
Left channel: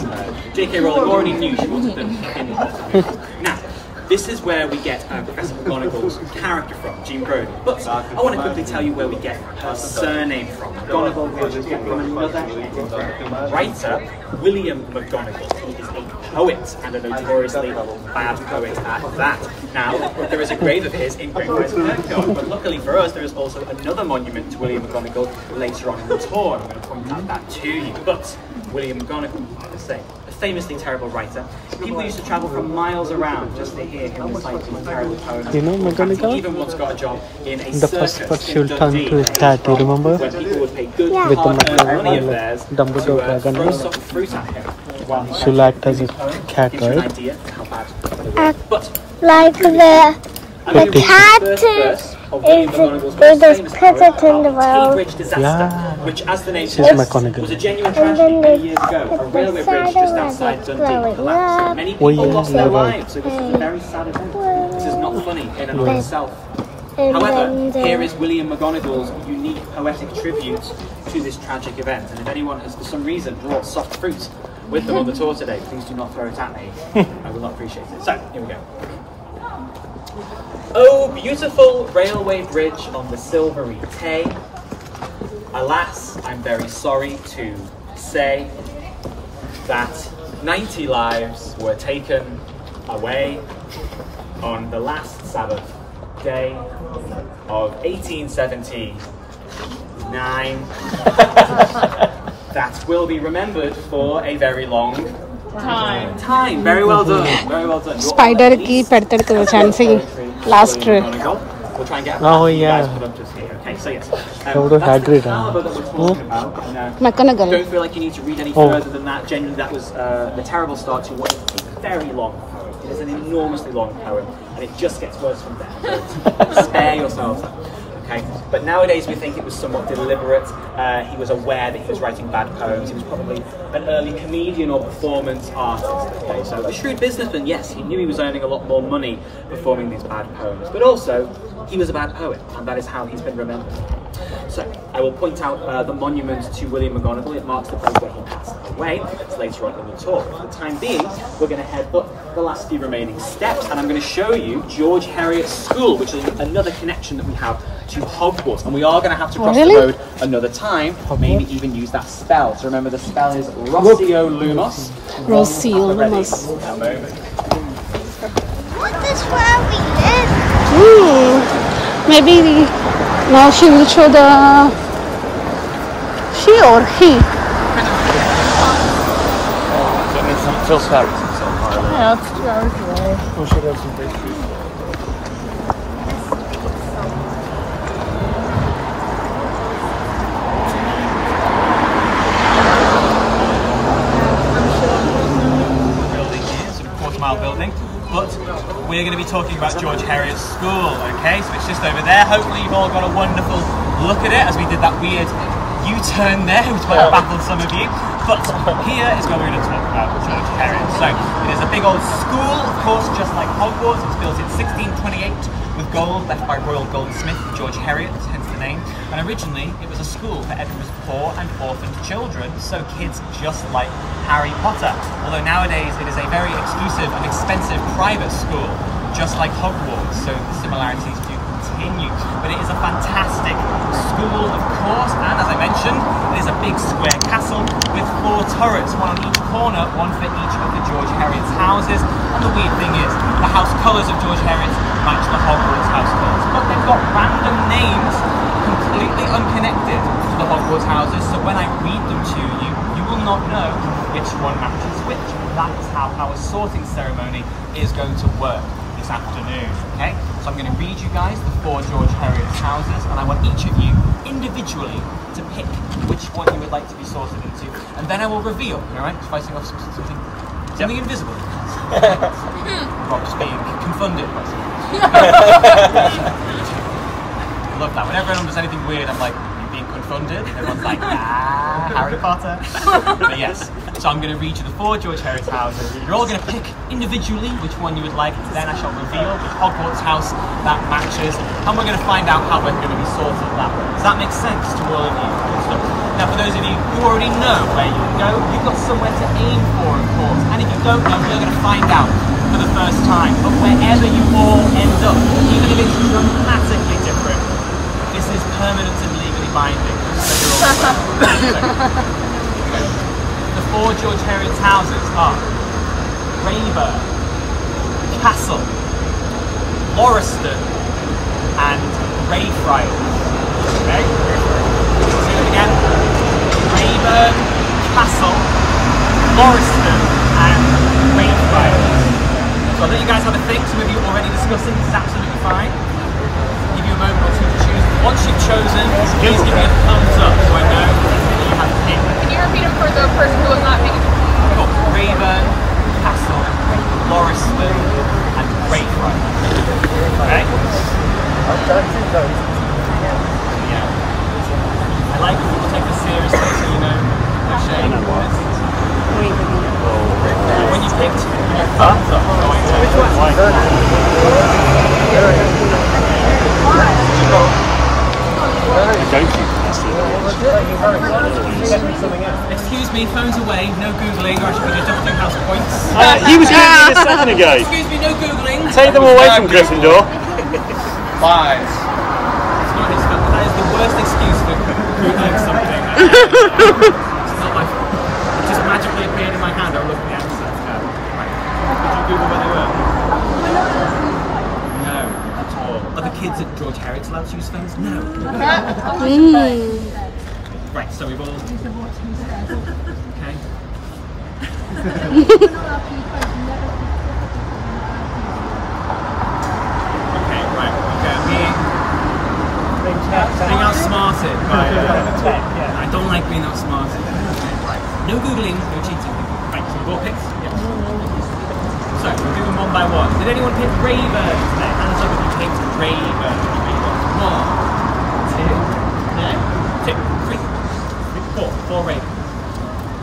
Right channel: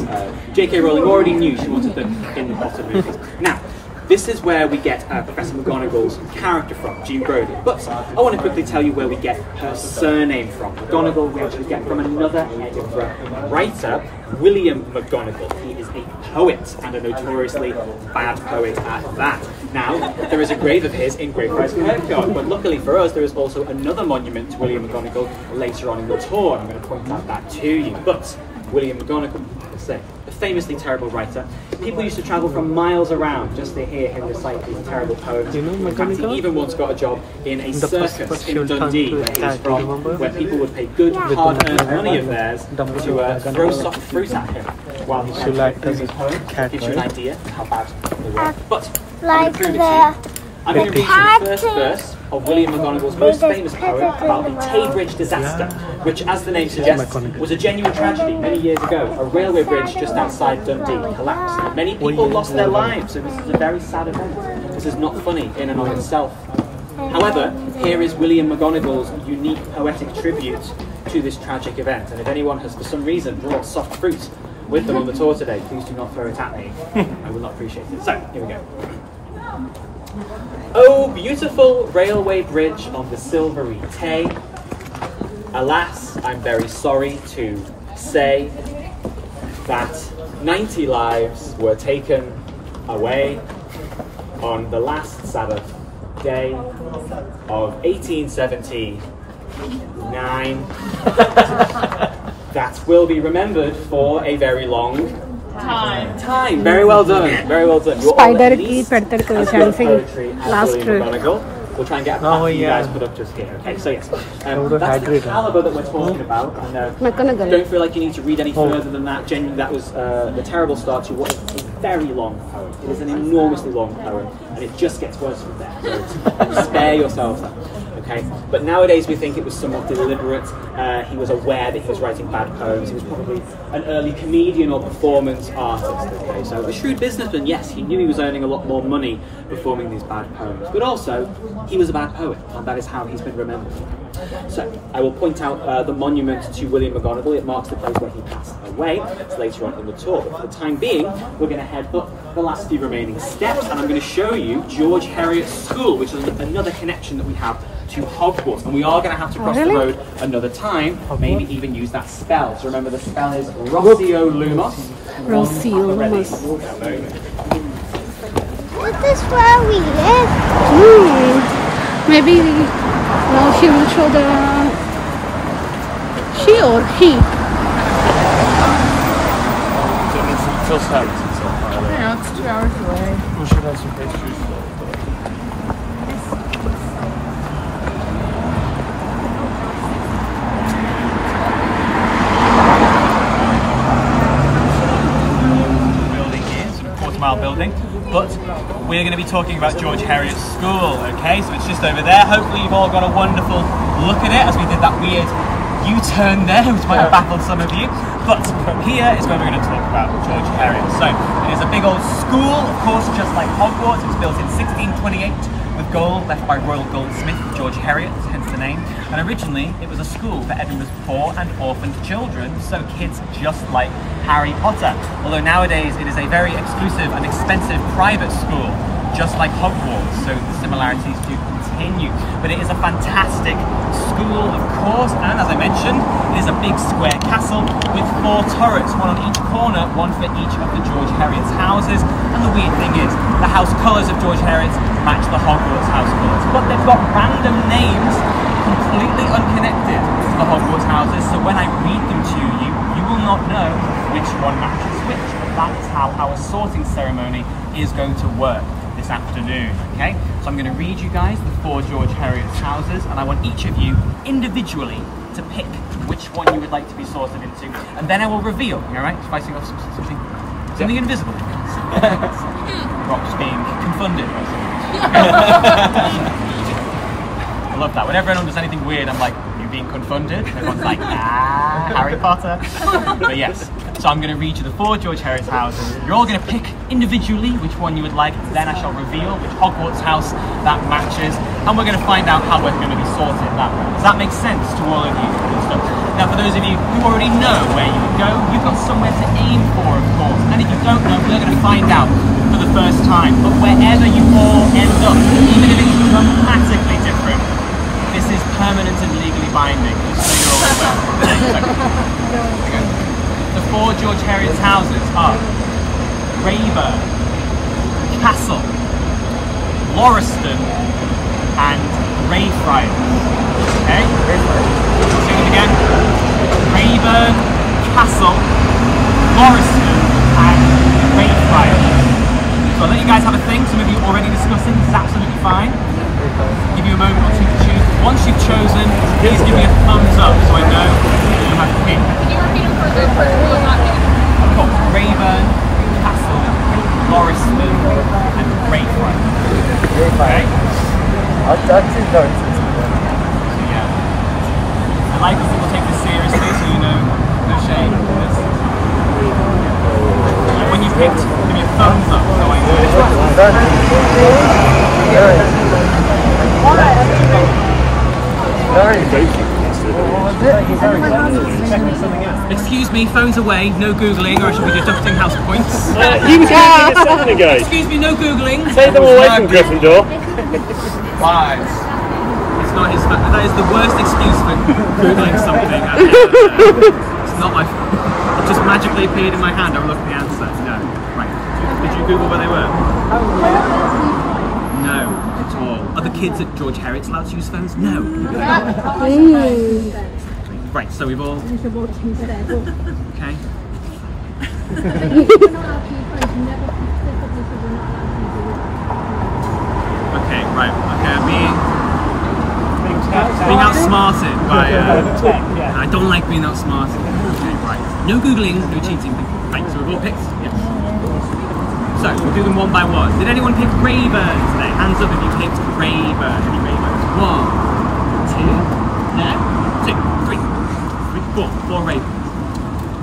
J.K. Rowling already knew she wanted them in the Potter movies. Now, this is where we get Professor Mcgonagall's character from, Jean Brodie. But I want to quickly tell you where we get her surname from. McGonagall we actually get from another Edinburgh writer, William McGonagall. He is a poet, and a notoriously bad poet at that. Now, there is a grave of his in Greyfriars Kirkyard, but luckily for us, there is also another monument to William McGonagall later on in the tour. I'm going to point out that to you. But William McGonagall, I say, a famously terrible writer. People used to travel from miles around just to hear him recite these terrible poems. You know McGonagall? He even once got a job in a The circus first in Dundee, where people would pay good hard-earned money of theirs to throw soft fruit at him while he recited these poems. Gives you an idea of how bad they were. But Like the I'm going to read the first verse of William McGonagall's most famous poem about the Tay Bridge disaster, which, as the name suggests, was a genuine tragedy many years ago. A railway bridge just outside Dundee collapsed. Many people lost their lives, so this is a very sad event. This is not funny in and of itself. However, here is William McGonagall's unique poetic tribute to this tragic event. And if anyone has, for some reason, brought soft fruit with them on the tour today, please do not throw it at me. I will not appreciate it. So, here we go. Oh, beautiful railway bridge on the silvery Tay. Alas, I'm very sorry to say that 90 lives were taken away on the last Sabbath day of 1879. That will be remembered for a very long time. Very well done. Very well done. Spider ki pedtadu chance last row. We'll try and get a plaque you guys put up just here. Okay, so yes, that's the caliber that we're talking about. And, McGonagall. don't feel like you need to read any further than that. Genuinely, that was the terrible start to what is a very long poem. It is an enormously long poem, and it just gets worse from there. So spare yourselves that. Okay, but nowadays we think it was somewhat deliberate. He was aware that he was writing bad poems. He was probably an early comedian or performance artist. Okay, so a shrewd businessman. Yes, he knew he was earning a lot more money performing these bad poems, but also he was a bad poet, and that is how he's been remembered. So I will point out the monument to William McGonagall. It marks the place where he passed away. It's later on in the tour, but for the time being, we're going to head up the last few remaining steps, and I'm going to show you George Heriot's School, which is another connection that we have to Hogwarts, and we are going to have to cross the road another time, maybe even use that spell. So remember, the spell is Rossio Lumos. Rossio Lumos. What is where we live? Maybe now she will show the she or he. So it's Phil Scott. Yeah, it's 2 hours away. We should have some pastries. Building, but we're going to be talking about George Heriot's School, okay? So it's just over there. Hopefully you've all got a wonderful look at it as we did that weird U-turn there, which might have baffled some of you. But here is where we're going to talk about George Heriot. So it is a big old school, of course, just like Hogwarts. It's built in 1628 with gold left by royal goldsmith George Heriot, hence the name. And originally it was a school for Edinburgh's poor and orphaned children, so kids just like Harry Potter. Although nowadays it is a very exclusive and expensive private school, just like Hogwarts, so the similarities do continue. But but it is a fantastic school, of course, and as I mentioned, it is a big square castle with 4 turrets, one on each corner, one for each of the George Heriot's houses. And the weird thing is, the house colours of George Heriot's match the Hogwarts house colours, but they've got random names completely unconnected to the Hogwarts houses, so when I read them to you, you will not know which one matches which. And that is how our sorting ceremony is going to work this afternoon, okay? So I'm going to read you guys the 4 George Heriot's houses, and I want each of you individually to pick which one you would like to be sorted into, and then I will reveal, alright? Fighting off something invisible. Rob's being confunded by something. I love that. Whenever anyone does anything weird, I'm like, you being confunded? And everyone's like, ah, Harry Potter. But yes, so I'm going to read you the 4 George Heriot's houses. You're all going to pick individually which one you would like, and then I shall reveal which Hogwarts house that matches, and we're going to find out how we're going to be sorted that way. Does that make sense to all of you? Now, for those of you who already know where you would go, you've got somewhere to aim for, of course. And if you don't know, you're going to find out for the first time. But wherever you all end up, even if it's dramatically different, this is permanent and legally binding, just so you're all aware. Okay. The 4 George Heriot's houses are Rayburn, Castle, Lauriston, and Greyfriars. Okay? I'll say them again. Rayburn, Castle, Lauriston, and Greyfriars. So I'll let you guys have a think. Some of you already discussing. This is absolutely fine. Give you a moment or two to choose. Once you've chosen, please give me a thumbs up so I know you have to pick. Can you repeat it for the person who will not pick? I've got Rayburn, Castle, Lauriston, and Greyfriars. Okay? Yeah. I like when people take this seriously, so you know, no shame. When you picked, give me a thumbs up so I know. Excuse me, phone's away, no Googling, or I should be deducting house points. He was going to do this a second ago. Excuse me, no Googling. Take them away from Gryffindor. Lies. It's not his fault. That is the worst excuse for Googling something I've ever heard. It's not my fault. It just magically appeared in my hand. I'll look at the answer. No. Right. Did you Google where they were? No, not at all. Are the kids at George Heriot's allowed to use phones? No. Right, so we've all... Okay. Okay, right. Okay, I'm being outsmarted by... I don't like being outsmarted. Okay, right. No Googling, no cheating. Right, so we've all picked? Yes. So, we'll do them one by one. Did anyone pick Rayburn today? Hands up if you picked Rayburn. Any Rayburns? 1, 2, no? 2, 3, 4. 4 Rayburn.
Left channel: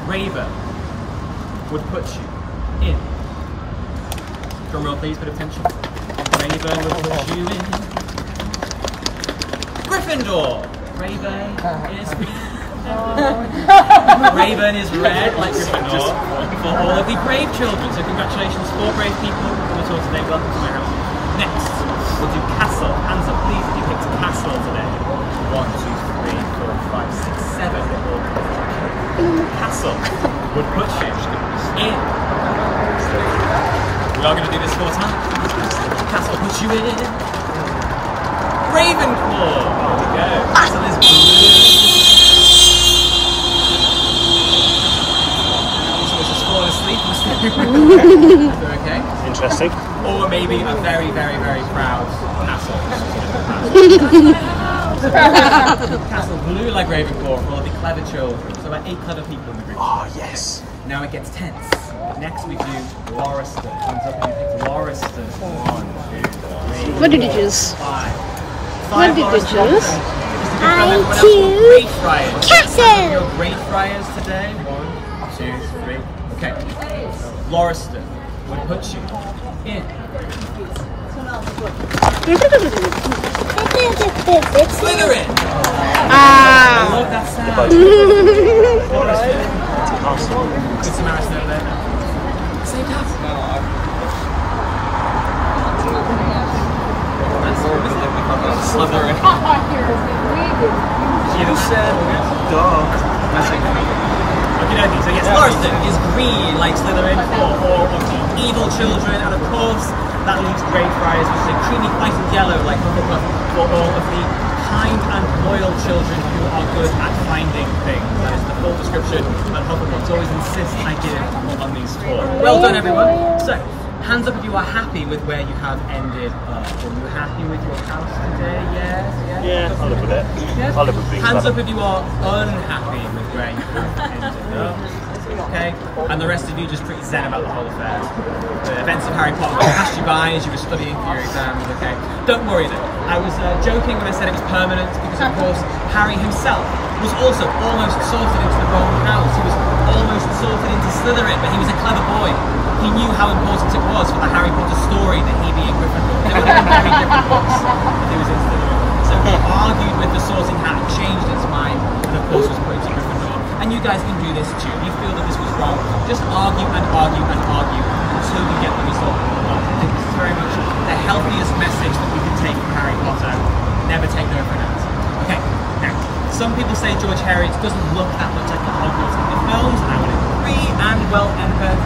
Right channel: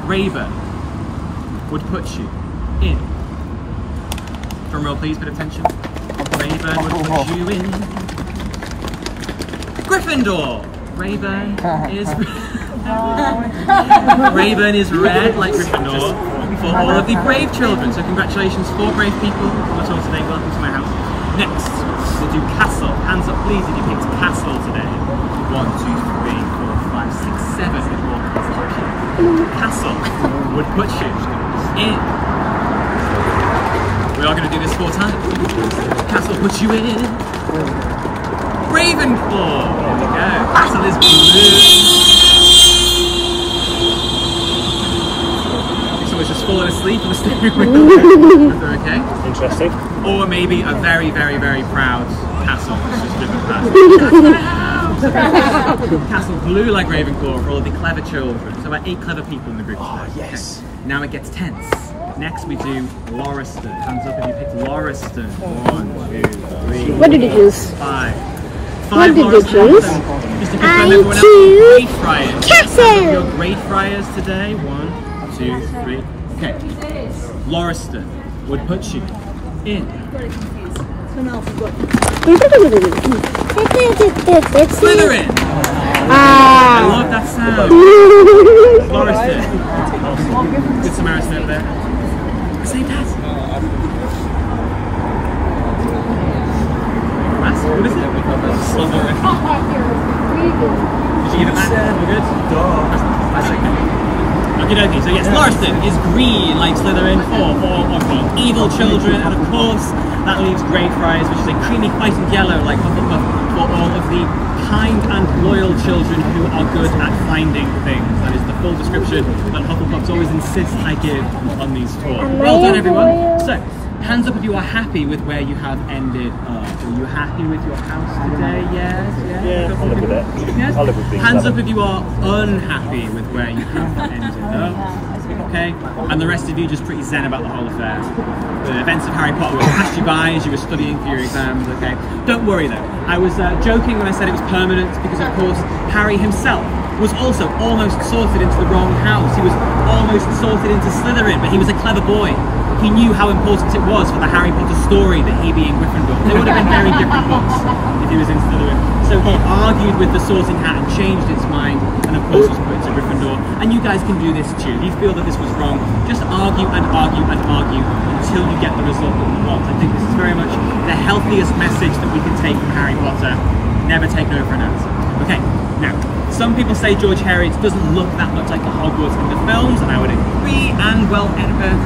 Rayburn would put you in. Drum roll please, bit of tension. Rayburn would put you in Gryffindor. Rayburn is Rayburn is red like Gryffindor for all of the brave children. So congratulations, 4 brave people on the tour today. Welcome to my house. Next, we'll do Castle. Hands up please if you picked Castle today. 1, 2, 3, 4, 5, 6, 7. Castle would put you in. We are going to do this 4 times. Castle puts you in Ravenclaw. There we go. Castle is blue. Someone's just fallen asleep on the steering wheel. Okay. Interesting. Or maybe a very, very, very proud castle that's just driven past. Castle blue like Ravenclaw for all of the clever children. So about 8 clever people in the group. Oh, yes. Okay. Now it gets tense. Next we do Lauriston. Hands up if you picked Lauriston. 1, 2, 3. What did you choose? 5. What did you choose? Just to confirm everyone else, Greyfriars. Castle. Your Greyfriars today. 1, 2, 3. Okay. Lauriston would put you in Slytherin. I love that sound. Lauriston. Good Samaritan over there. Say that. What is it? Slytherin. Okie dokie. So yes, Lauriston is green like Slytherin for all of the evil children, and of course that leaves Greyfriars, which is a creamy white and yellow like Hufflepuff, for all of the kind and loyal children who are good at finding things. That is the full description that Hufflepuffs always insist I give on these tours. Well done, everyone. So, hands up if you are happy with where you have ended up. Are you happy with your house today? Yes? Yes? Yeah, I'll live with it. Yes? I'll live with being Hands up clever. if you are unhappy with where you have ended up. Okay? And the rest of you just pretty zen about the whole affair. The events of Harry Potter will pass you by as you were studying for your exams, okay? Don't worry though. I was joking when I said it was permanent because of course Harry himself was also almost sorted into the wrong house. He was almost sorted into Slytherin, but he was a clever boy. He knew how important it was for the Harry Potter story that he be in Gryffindor. They would have been very different books if he was in Slytherin. So he argued with the sorting hat and changed its mind, and of course was put into Gryffindor. And you guys can do this too. If you feel that this was wrong, just argue and argue and argue until you get the result that you want. I think this is very much the healthiest message that we can take from Harry Potter. Never take no for an answer. Okay, now, some people say George Heriot doesn't look that much like the Hogwarts in the films, and I would agree, and well,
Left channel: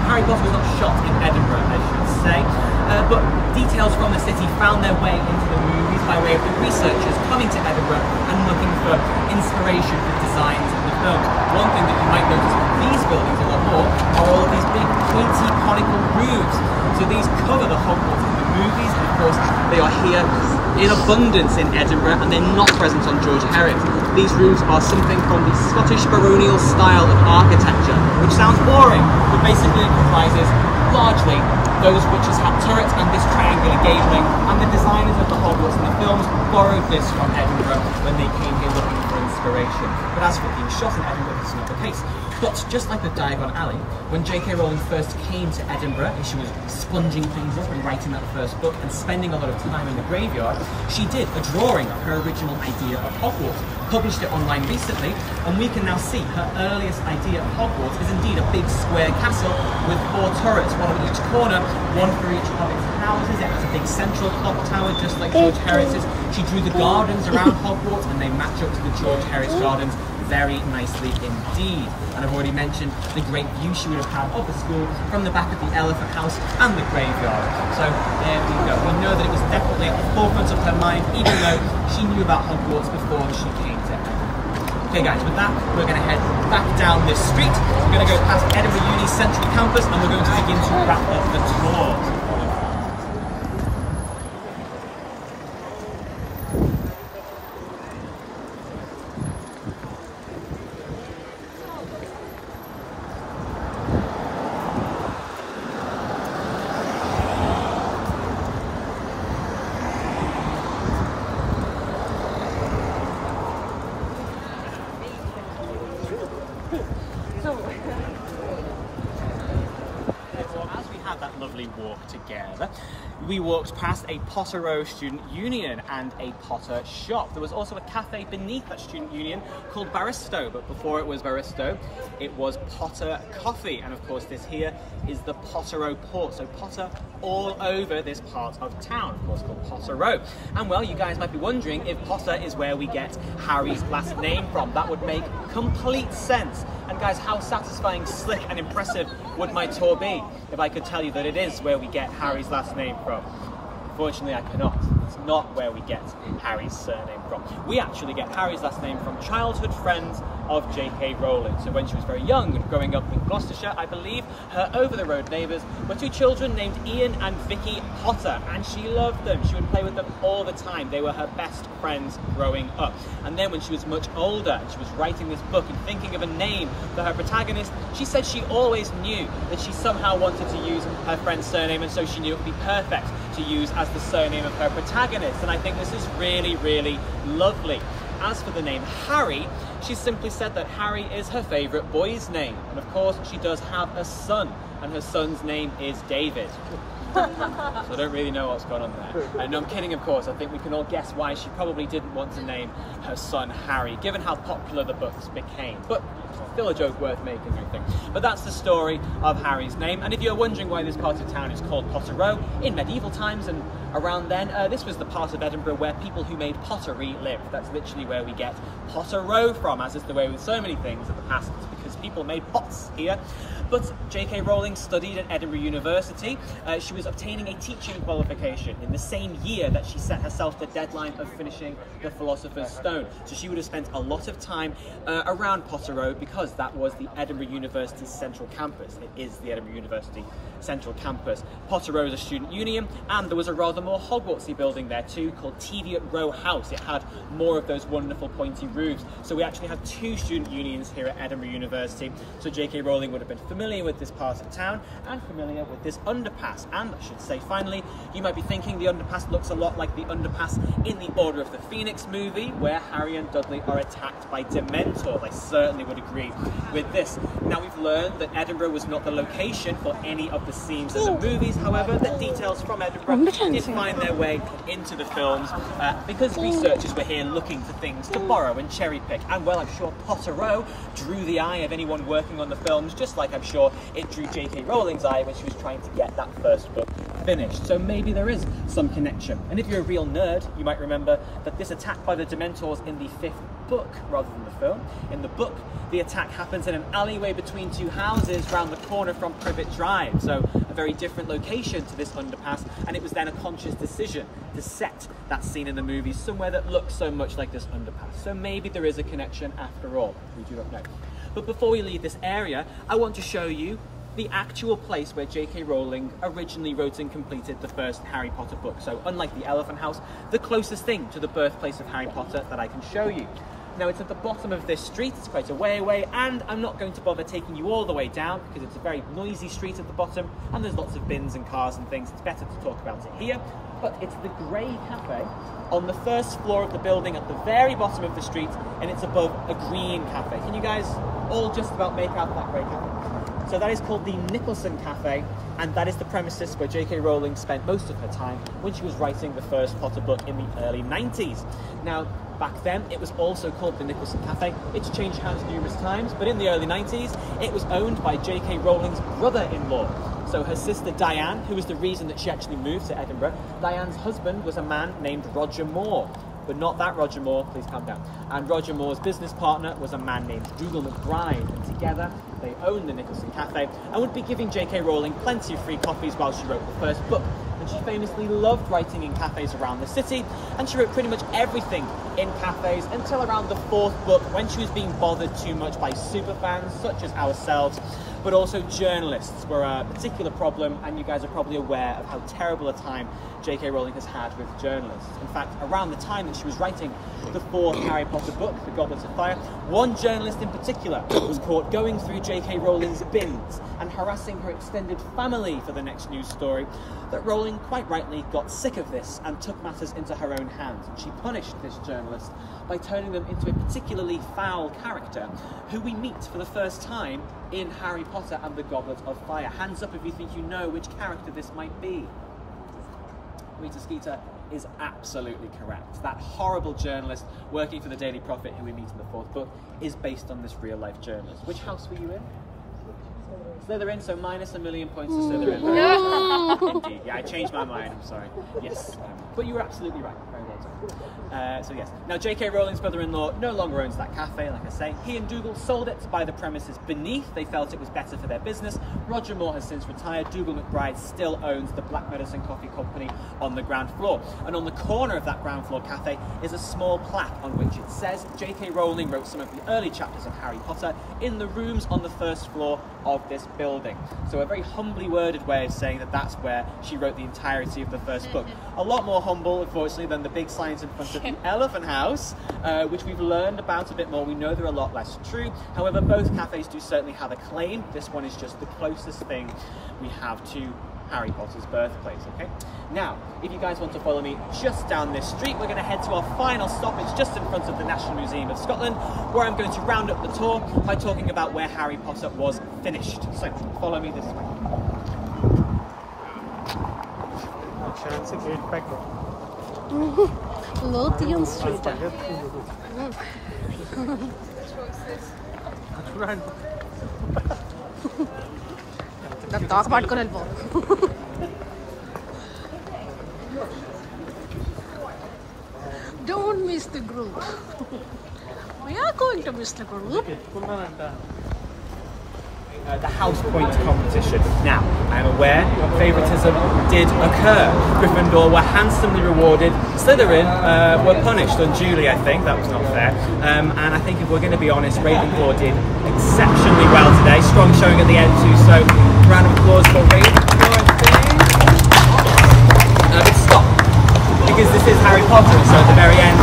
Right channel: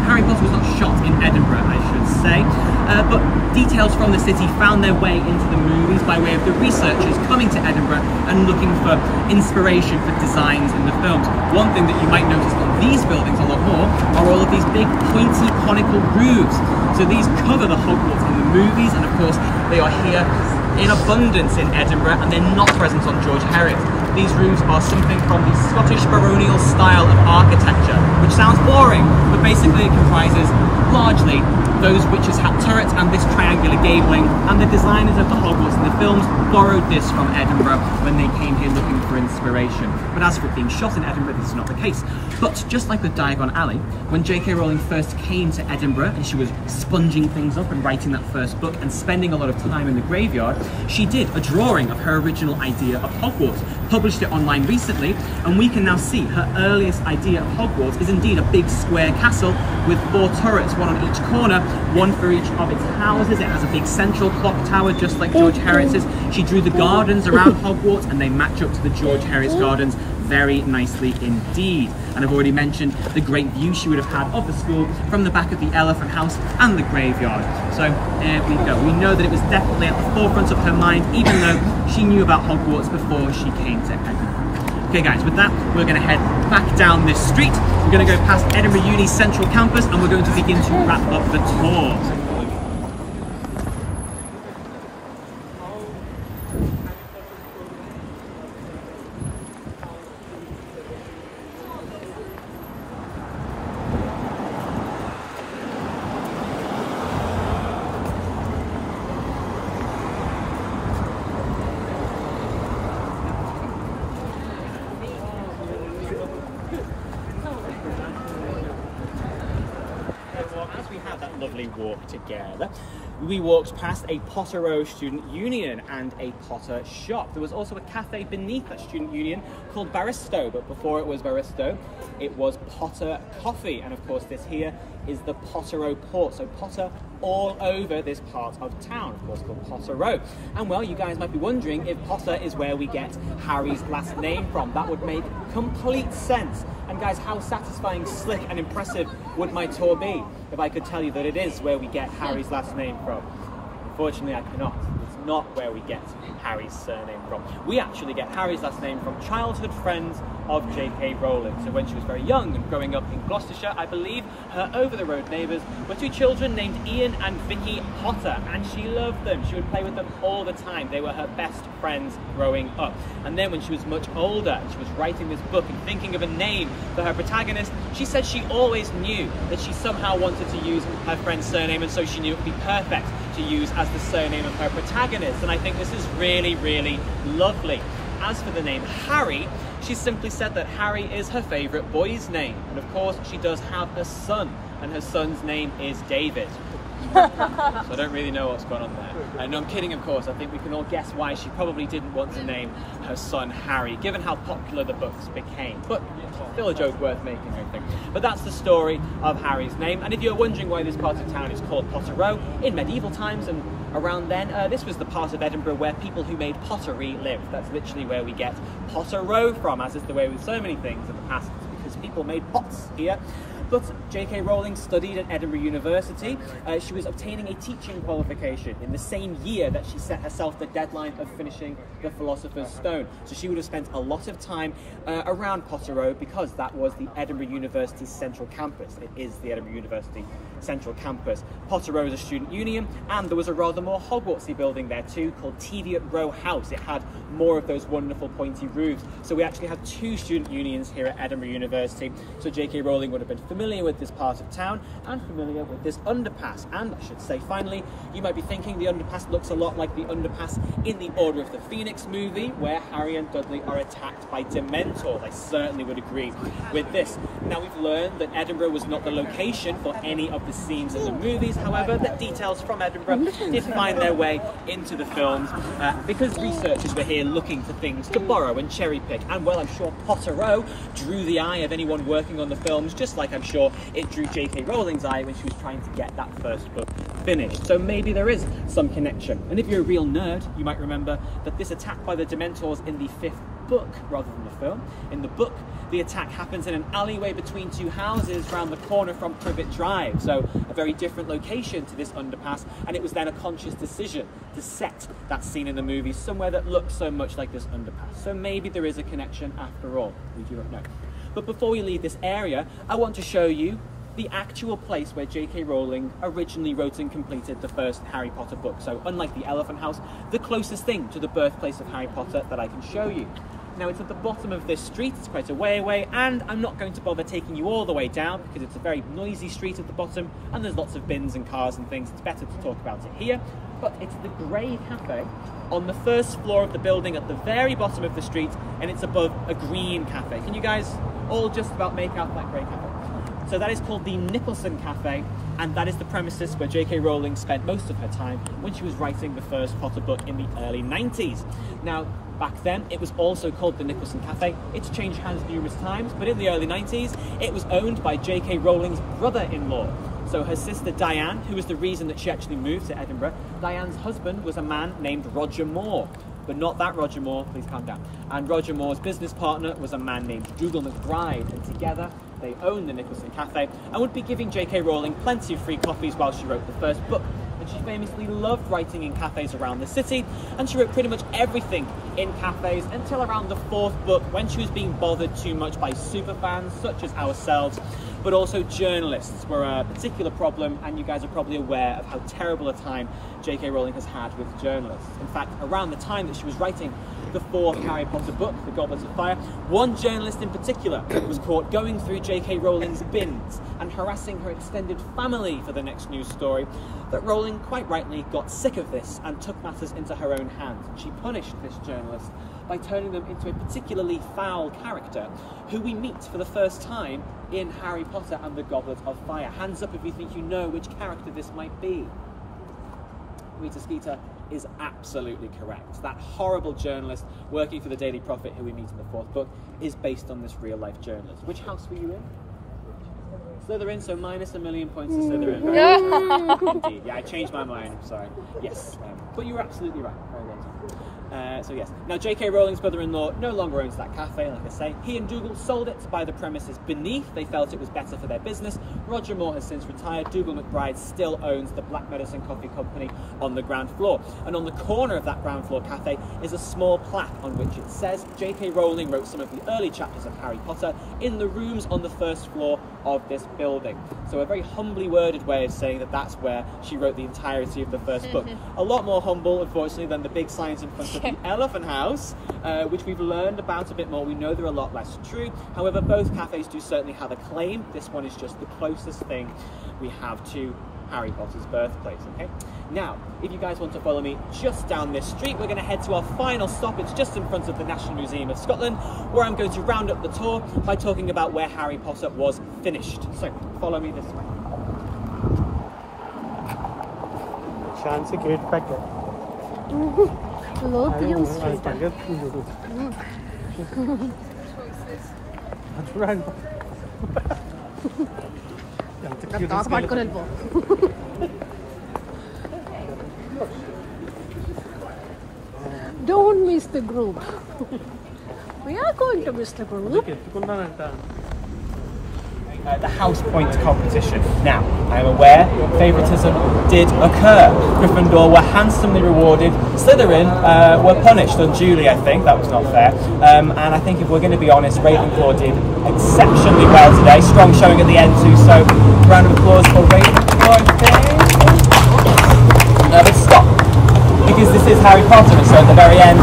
Harry Potter was not shot in Edinburgh, I should say, but details from the city found their way into the movies by way of the researchers coming to Edinburgh and looking for inspiration for designs in the films. One thing that you might notice on these buildings a lot more are all of these big pointy conical roofs. So these cover the Hogwarts in the movies, and of course they are here in abundance in Edinburgh, and they're not present on George Heriot. These roofs are something from the Scottish baronial style of architecture, which sounds boring, but basically it comprises largely those witches had turrets and this triangular gabling, and the designers of the Hogwarts in the films borrowed this from Edinburgh when they came here looking for inspiration. But as for it being shot in Edinburgh, this is not the case. But just like with Diagon Alley, when J.K. Rowling first came to Edinburgh and she was sponging things up and writing that first book and spending a lot of time in the graveyard, she did a drawing of her original idea of Hogwarts, published it online recently, and we can now see her earliest idea of Hogwarts is indeed a big square castle with 4 turrets, one on each corner, one for each of its houses. It has a big central clock tower, just like George Heriot's. She drew the gardens around Hogwarts, and they match up to the George Heriot's gardens very nicely indeed. And I've already mentioned the great view she would have had of the school from the back of the Elephant House and the graveyard. So there we go. We know that it was definitely at the forefront of her mind, even though she knew about Hogwarts before she came to Edinburgh. Okay guys, with that, we're going to head back down this street. We're going to go past Edinburgh Uni's central campus, and we're going to begin to wrap up the tour. Walk together. We walked past a Potter Row Student Union and a Potter shop. There was also a cafe beneath that Student Union called Barristo, but before it was Barristo, it was Potter Coffee. And of course this here is the Potter Row port, so Potter all over this part of town, of course called Potter Row. And well, you guys might be wondering if Potter is where we get Harry's last name from. That would make complete sense. And guys, how satisfying, slick and impressive would my tour be if I could tell you that it is where we get Harry's last name from? Unfortunately, I cannot. It's not where we get Harry's surname from. We actually get Harry's last name from childhood friends of J.K. Rowling. So when she was very young and growing up in Gloucestershire, I believe her over-the-road neighbours were 2 children named Ian and Vicky Potter, and she loved them. She would play with them all the time. They were her best friends growing up. And then when she was much older and she was writing this book and thinking of a name for her protagonist, she said she always knew that she somehow wanted to use her friend's surname, and so she knew it would be perfect to use as the surname of her protagonist. And I think this is really, really lovely. As for the name Harry, she simply said that Harry is her favourite boy's name. And of course, she does have a son, and her son's name is David. So I don't really know what's going on there. No, I'm kidding, of course. I think we can all guess why she probably didn't want to name her son Harry, given how popular the books became. But still a joke worth making, I think. But that's the story of Harry's name. And if you're wondering why this part of town is called Potter Row, in medieval times and around then, this was the part of Edinburgh where people who made pottery lived. That's literally where we get Potter Row from, as is the way with so many things in the past, because people people made pots here. But J.K. Rowling studied at Edinburgh University. She was obtaining a teaching qualification in the same year that she set herself the deadline of finishing The Philosopher's Stone. So she would have spent a lot of time around Potter Road because that was the Edinburgh University's central campus. It is the Edinburgh University central campus. Potter Row is a student union, and there was a rather more Hogwartsy building there too called Teviot Row House. It had more of those wonderful pointy roofs. So we actually have two student unions here at Edinburgh University. So J.K. Rowling would have been familiar with this part of town and familiar with this underpass. And I should say, finally, you might be thinking the underpass looks a lot like the underpass in the Order of the Phoenix movie, where Harry and Dudley are attacked by Dementors. I certainly would agree with this. Now, we've learned that Edinburgh was not the location for any of the scenes in the movies. However, the details from Edinburgh did find their way into the films because researchers were here looking for things to borrow and cherry pick. And well, I'm sure Potter Row drew the eye of anyone working on the films, just like I'm sure it drew J.K. Rowling's eye when she was trying to get that first book finished. So maybe there is some connection. And if you're a real nerd, you might remember that this attack by the Dementors in the 5th book, rather than the film, in the book, the attack happens in an alleyway between two houses round the corner from Privet Drive, so a very different location to this underpass, and it was then a conscious decision to set that scene in the movie somewhere that looks so much like this underpass. So maybe there is a connection after all, we do not know. But before we leave this area, I want to show you the actual place where J.K. Rowling originally wrote and completed the first Harry Potter book. So unlike the Elephant House, the closest thing to the birthplace of Harry Potter that I can show you. Now, it's at the bottom of this street, it's quite a way away, and I'm not going to bother taking you all the way down because it's a very noisy street at the bottom and there's lots of bins and cars and things. It's better to talk about it here. But it's the Grey Cafe on the first floor of the building at the very bottom of the street, and it's above a green cafe. Can you guys all just about make out that Grey Cafe? So that is called the Nicholson Cafe, and that is the premises where J.K. Rowling spent most of her time when she was writing the first Potter book in the early 90s. Now, back then, it was also called the Nicholson Cafe. It's changed hands numerous times, but in the early 90s, it was owned by J.K. Rowling's brother-in-law. So her sister Diane, who was the reason that she actually moved to Edinburgh, Diane's husband was a man named Roger Moore. But not that Roger Moore, please calm down. And Roger Moore's business partner was a man named Dougal McBride, and together they owned the Nicholson Cafe and would be giving J.K. Rowling plenty of free copies while she wrote the first book. And she famously loved writing in cafes around the city, and she wrote pretty much everything in cafes until around the 4th book, when she was being bothered too much by superfans such as ourselves, but also journalists were a particular problem, and you guys are probably aware of how terrible a time J.K. Rowling has had with journalists. In fact, around the time that she was writing the 4th Harry Potter book, The Goblet of Fire, one journalist in particular was caught going through J.K. Rowling's bins and harassing her extended family for the next news story. That Rowling, quite rightly, got sick of this and took matters into her own hands, and she punished this journalist by turning them into a particularly foul character who we meet for the first time in Harry Potter and the Goblet of Fire. Hands up if you think you know which character this might be. Rita Skeeter is absolutely correct. That horrible journalist working for the Daily Prophet who we meet in the 4th book is based on this real-life journalist. Which house were you in? Slytherin, so minus 1,000,000 points to Slytherin. Indeed, yeah, I changed my mind, I'm sorry. Yes, but you were absolutely right. Very well done. So yes, now J.K. Rowling's brother-in-law no longer owns that cafe, like I say. He and Dougal sold it to buy the premises beneath. They felt it was better for their business. Roger Moore has since retired. Dougal McBride still owns the Black Medicine Coffee Company on the ground floor. And on the corner of that ground floor cafe is a small plaque on which it says J.K. Rowling wrote some of the early chapters of Harry Potter in the rooms on the first floor of this building. So a very humbly worded way of saying that that's where she wrote the entirety of the first book. A lot more humble, unfortunately, than the big signs in front of the Elephant House, which we've learned about a bit more. We know they're a lot less true. However, both cafes do certainly have a claim. This one is just the closest thing we have to Harry Potter's birthplace, okay? Now, if you guys want to follow me just down this street, we're going to head to our final stop. It's just in front of the National Museum of Scotland, where I'm going to round up the tour by talking about where Harry Potter was finished. So, follow me this way. Chance gate back Lothian Street. Talk about Kurelbo. Don't miss the group. We are going to miss the group. the house point competition. Now, I'm aware favouritism did occur. Gryffindor were handsomely rewarded. Slytherin were punished unduly, I think. That was not fair. And I think if we're going to be honest, Ravenclaw did exceptionally well today. Strong showing at the end too, so round of applause for Ravenclaw, I think. But stop, because this is Harry Potter, and so at the very end,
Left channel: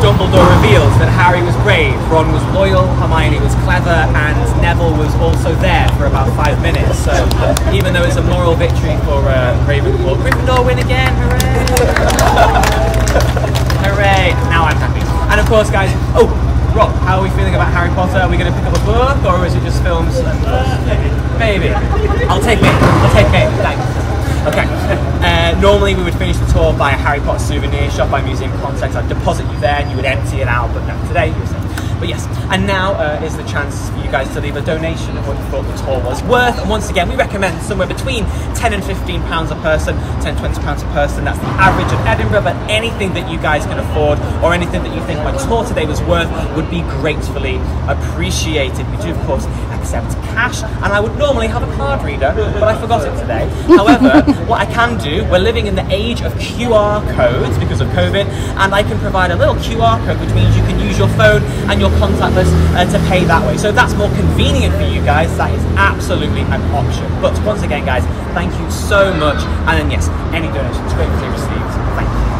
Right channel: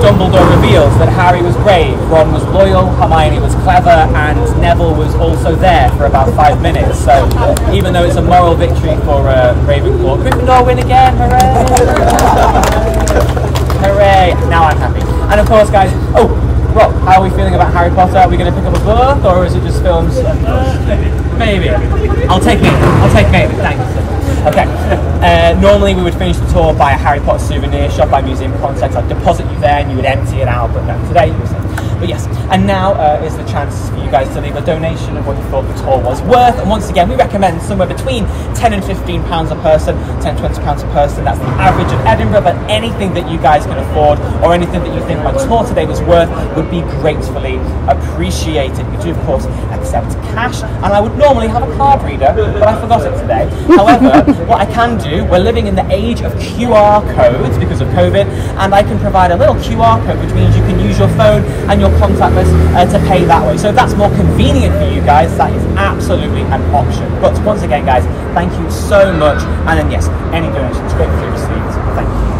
Dumbledore reveals that Harry was brave, Ron was loyal, Hermione was clever, and Neville was also there for about 5 minutes. So even though it's a moral victory for Ravenclaw, Gryffindor win again, hooray! Hooray! Now I'm happy. And of course, guys, oh, Rob, how are we feeling about Harry Potter? Are we going to pick up a book, or is it just films and books? Maybe. I'll take maybe. Thank you so much. Okay, normally we would finish the tour by a Harry Potter souvenir shop by Museum Context. I'd deposit you there and you would empty it out, but today you're saying. But yes, and now is the chance for you guys to leave a donation of what you thought the tour was worth. And once again, we recommend somewhere between £10 and £15 a person, £10, £20 a person. That's the average of Edinburgh, but anything that you guys can afford or anything that you think my tour today was worth would be gratefully appreciated. We do, of course, accept cash, and I would normally have a card reader, but I forgot it today. However, what I can do, we're living in the age of QR codes because of COVID, and I can provide a little QR code, which means you can use your phone and your contactless to pay that way. So if that's more convenient for you guys, that is absolutely an option. But once again, guys, thank you so much. And then yes, any donations go through to Steve. Thank you.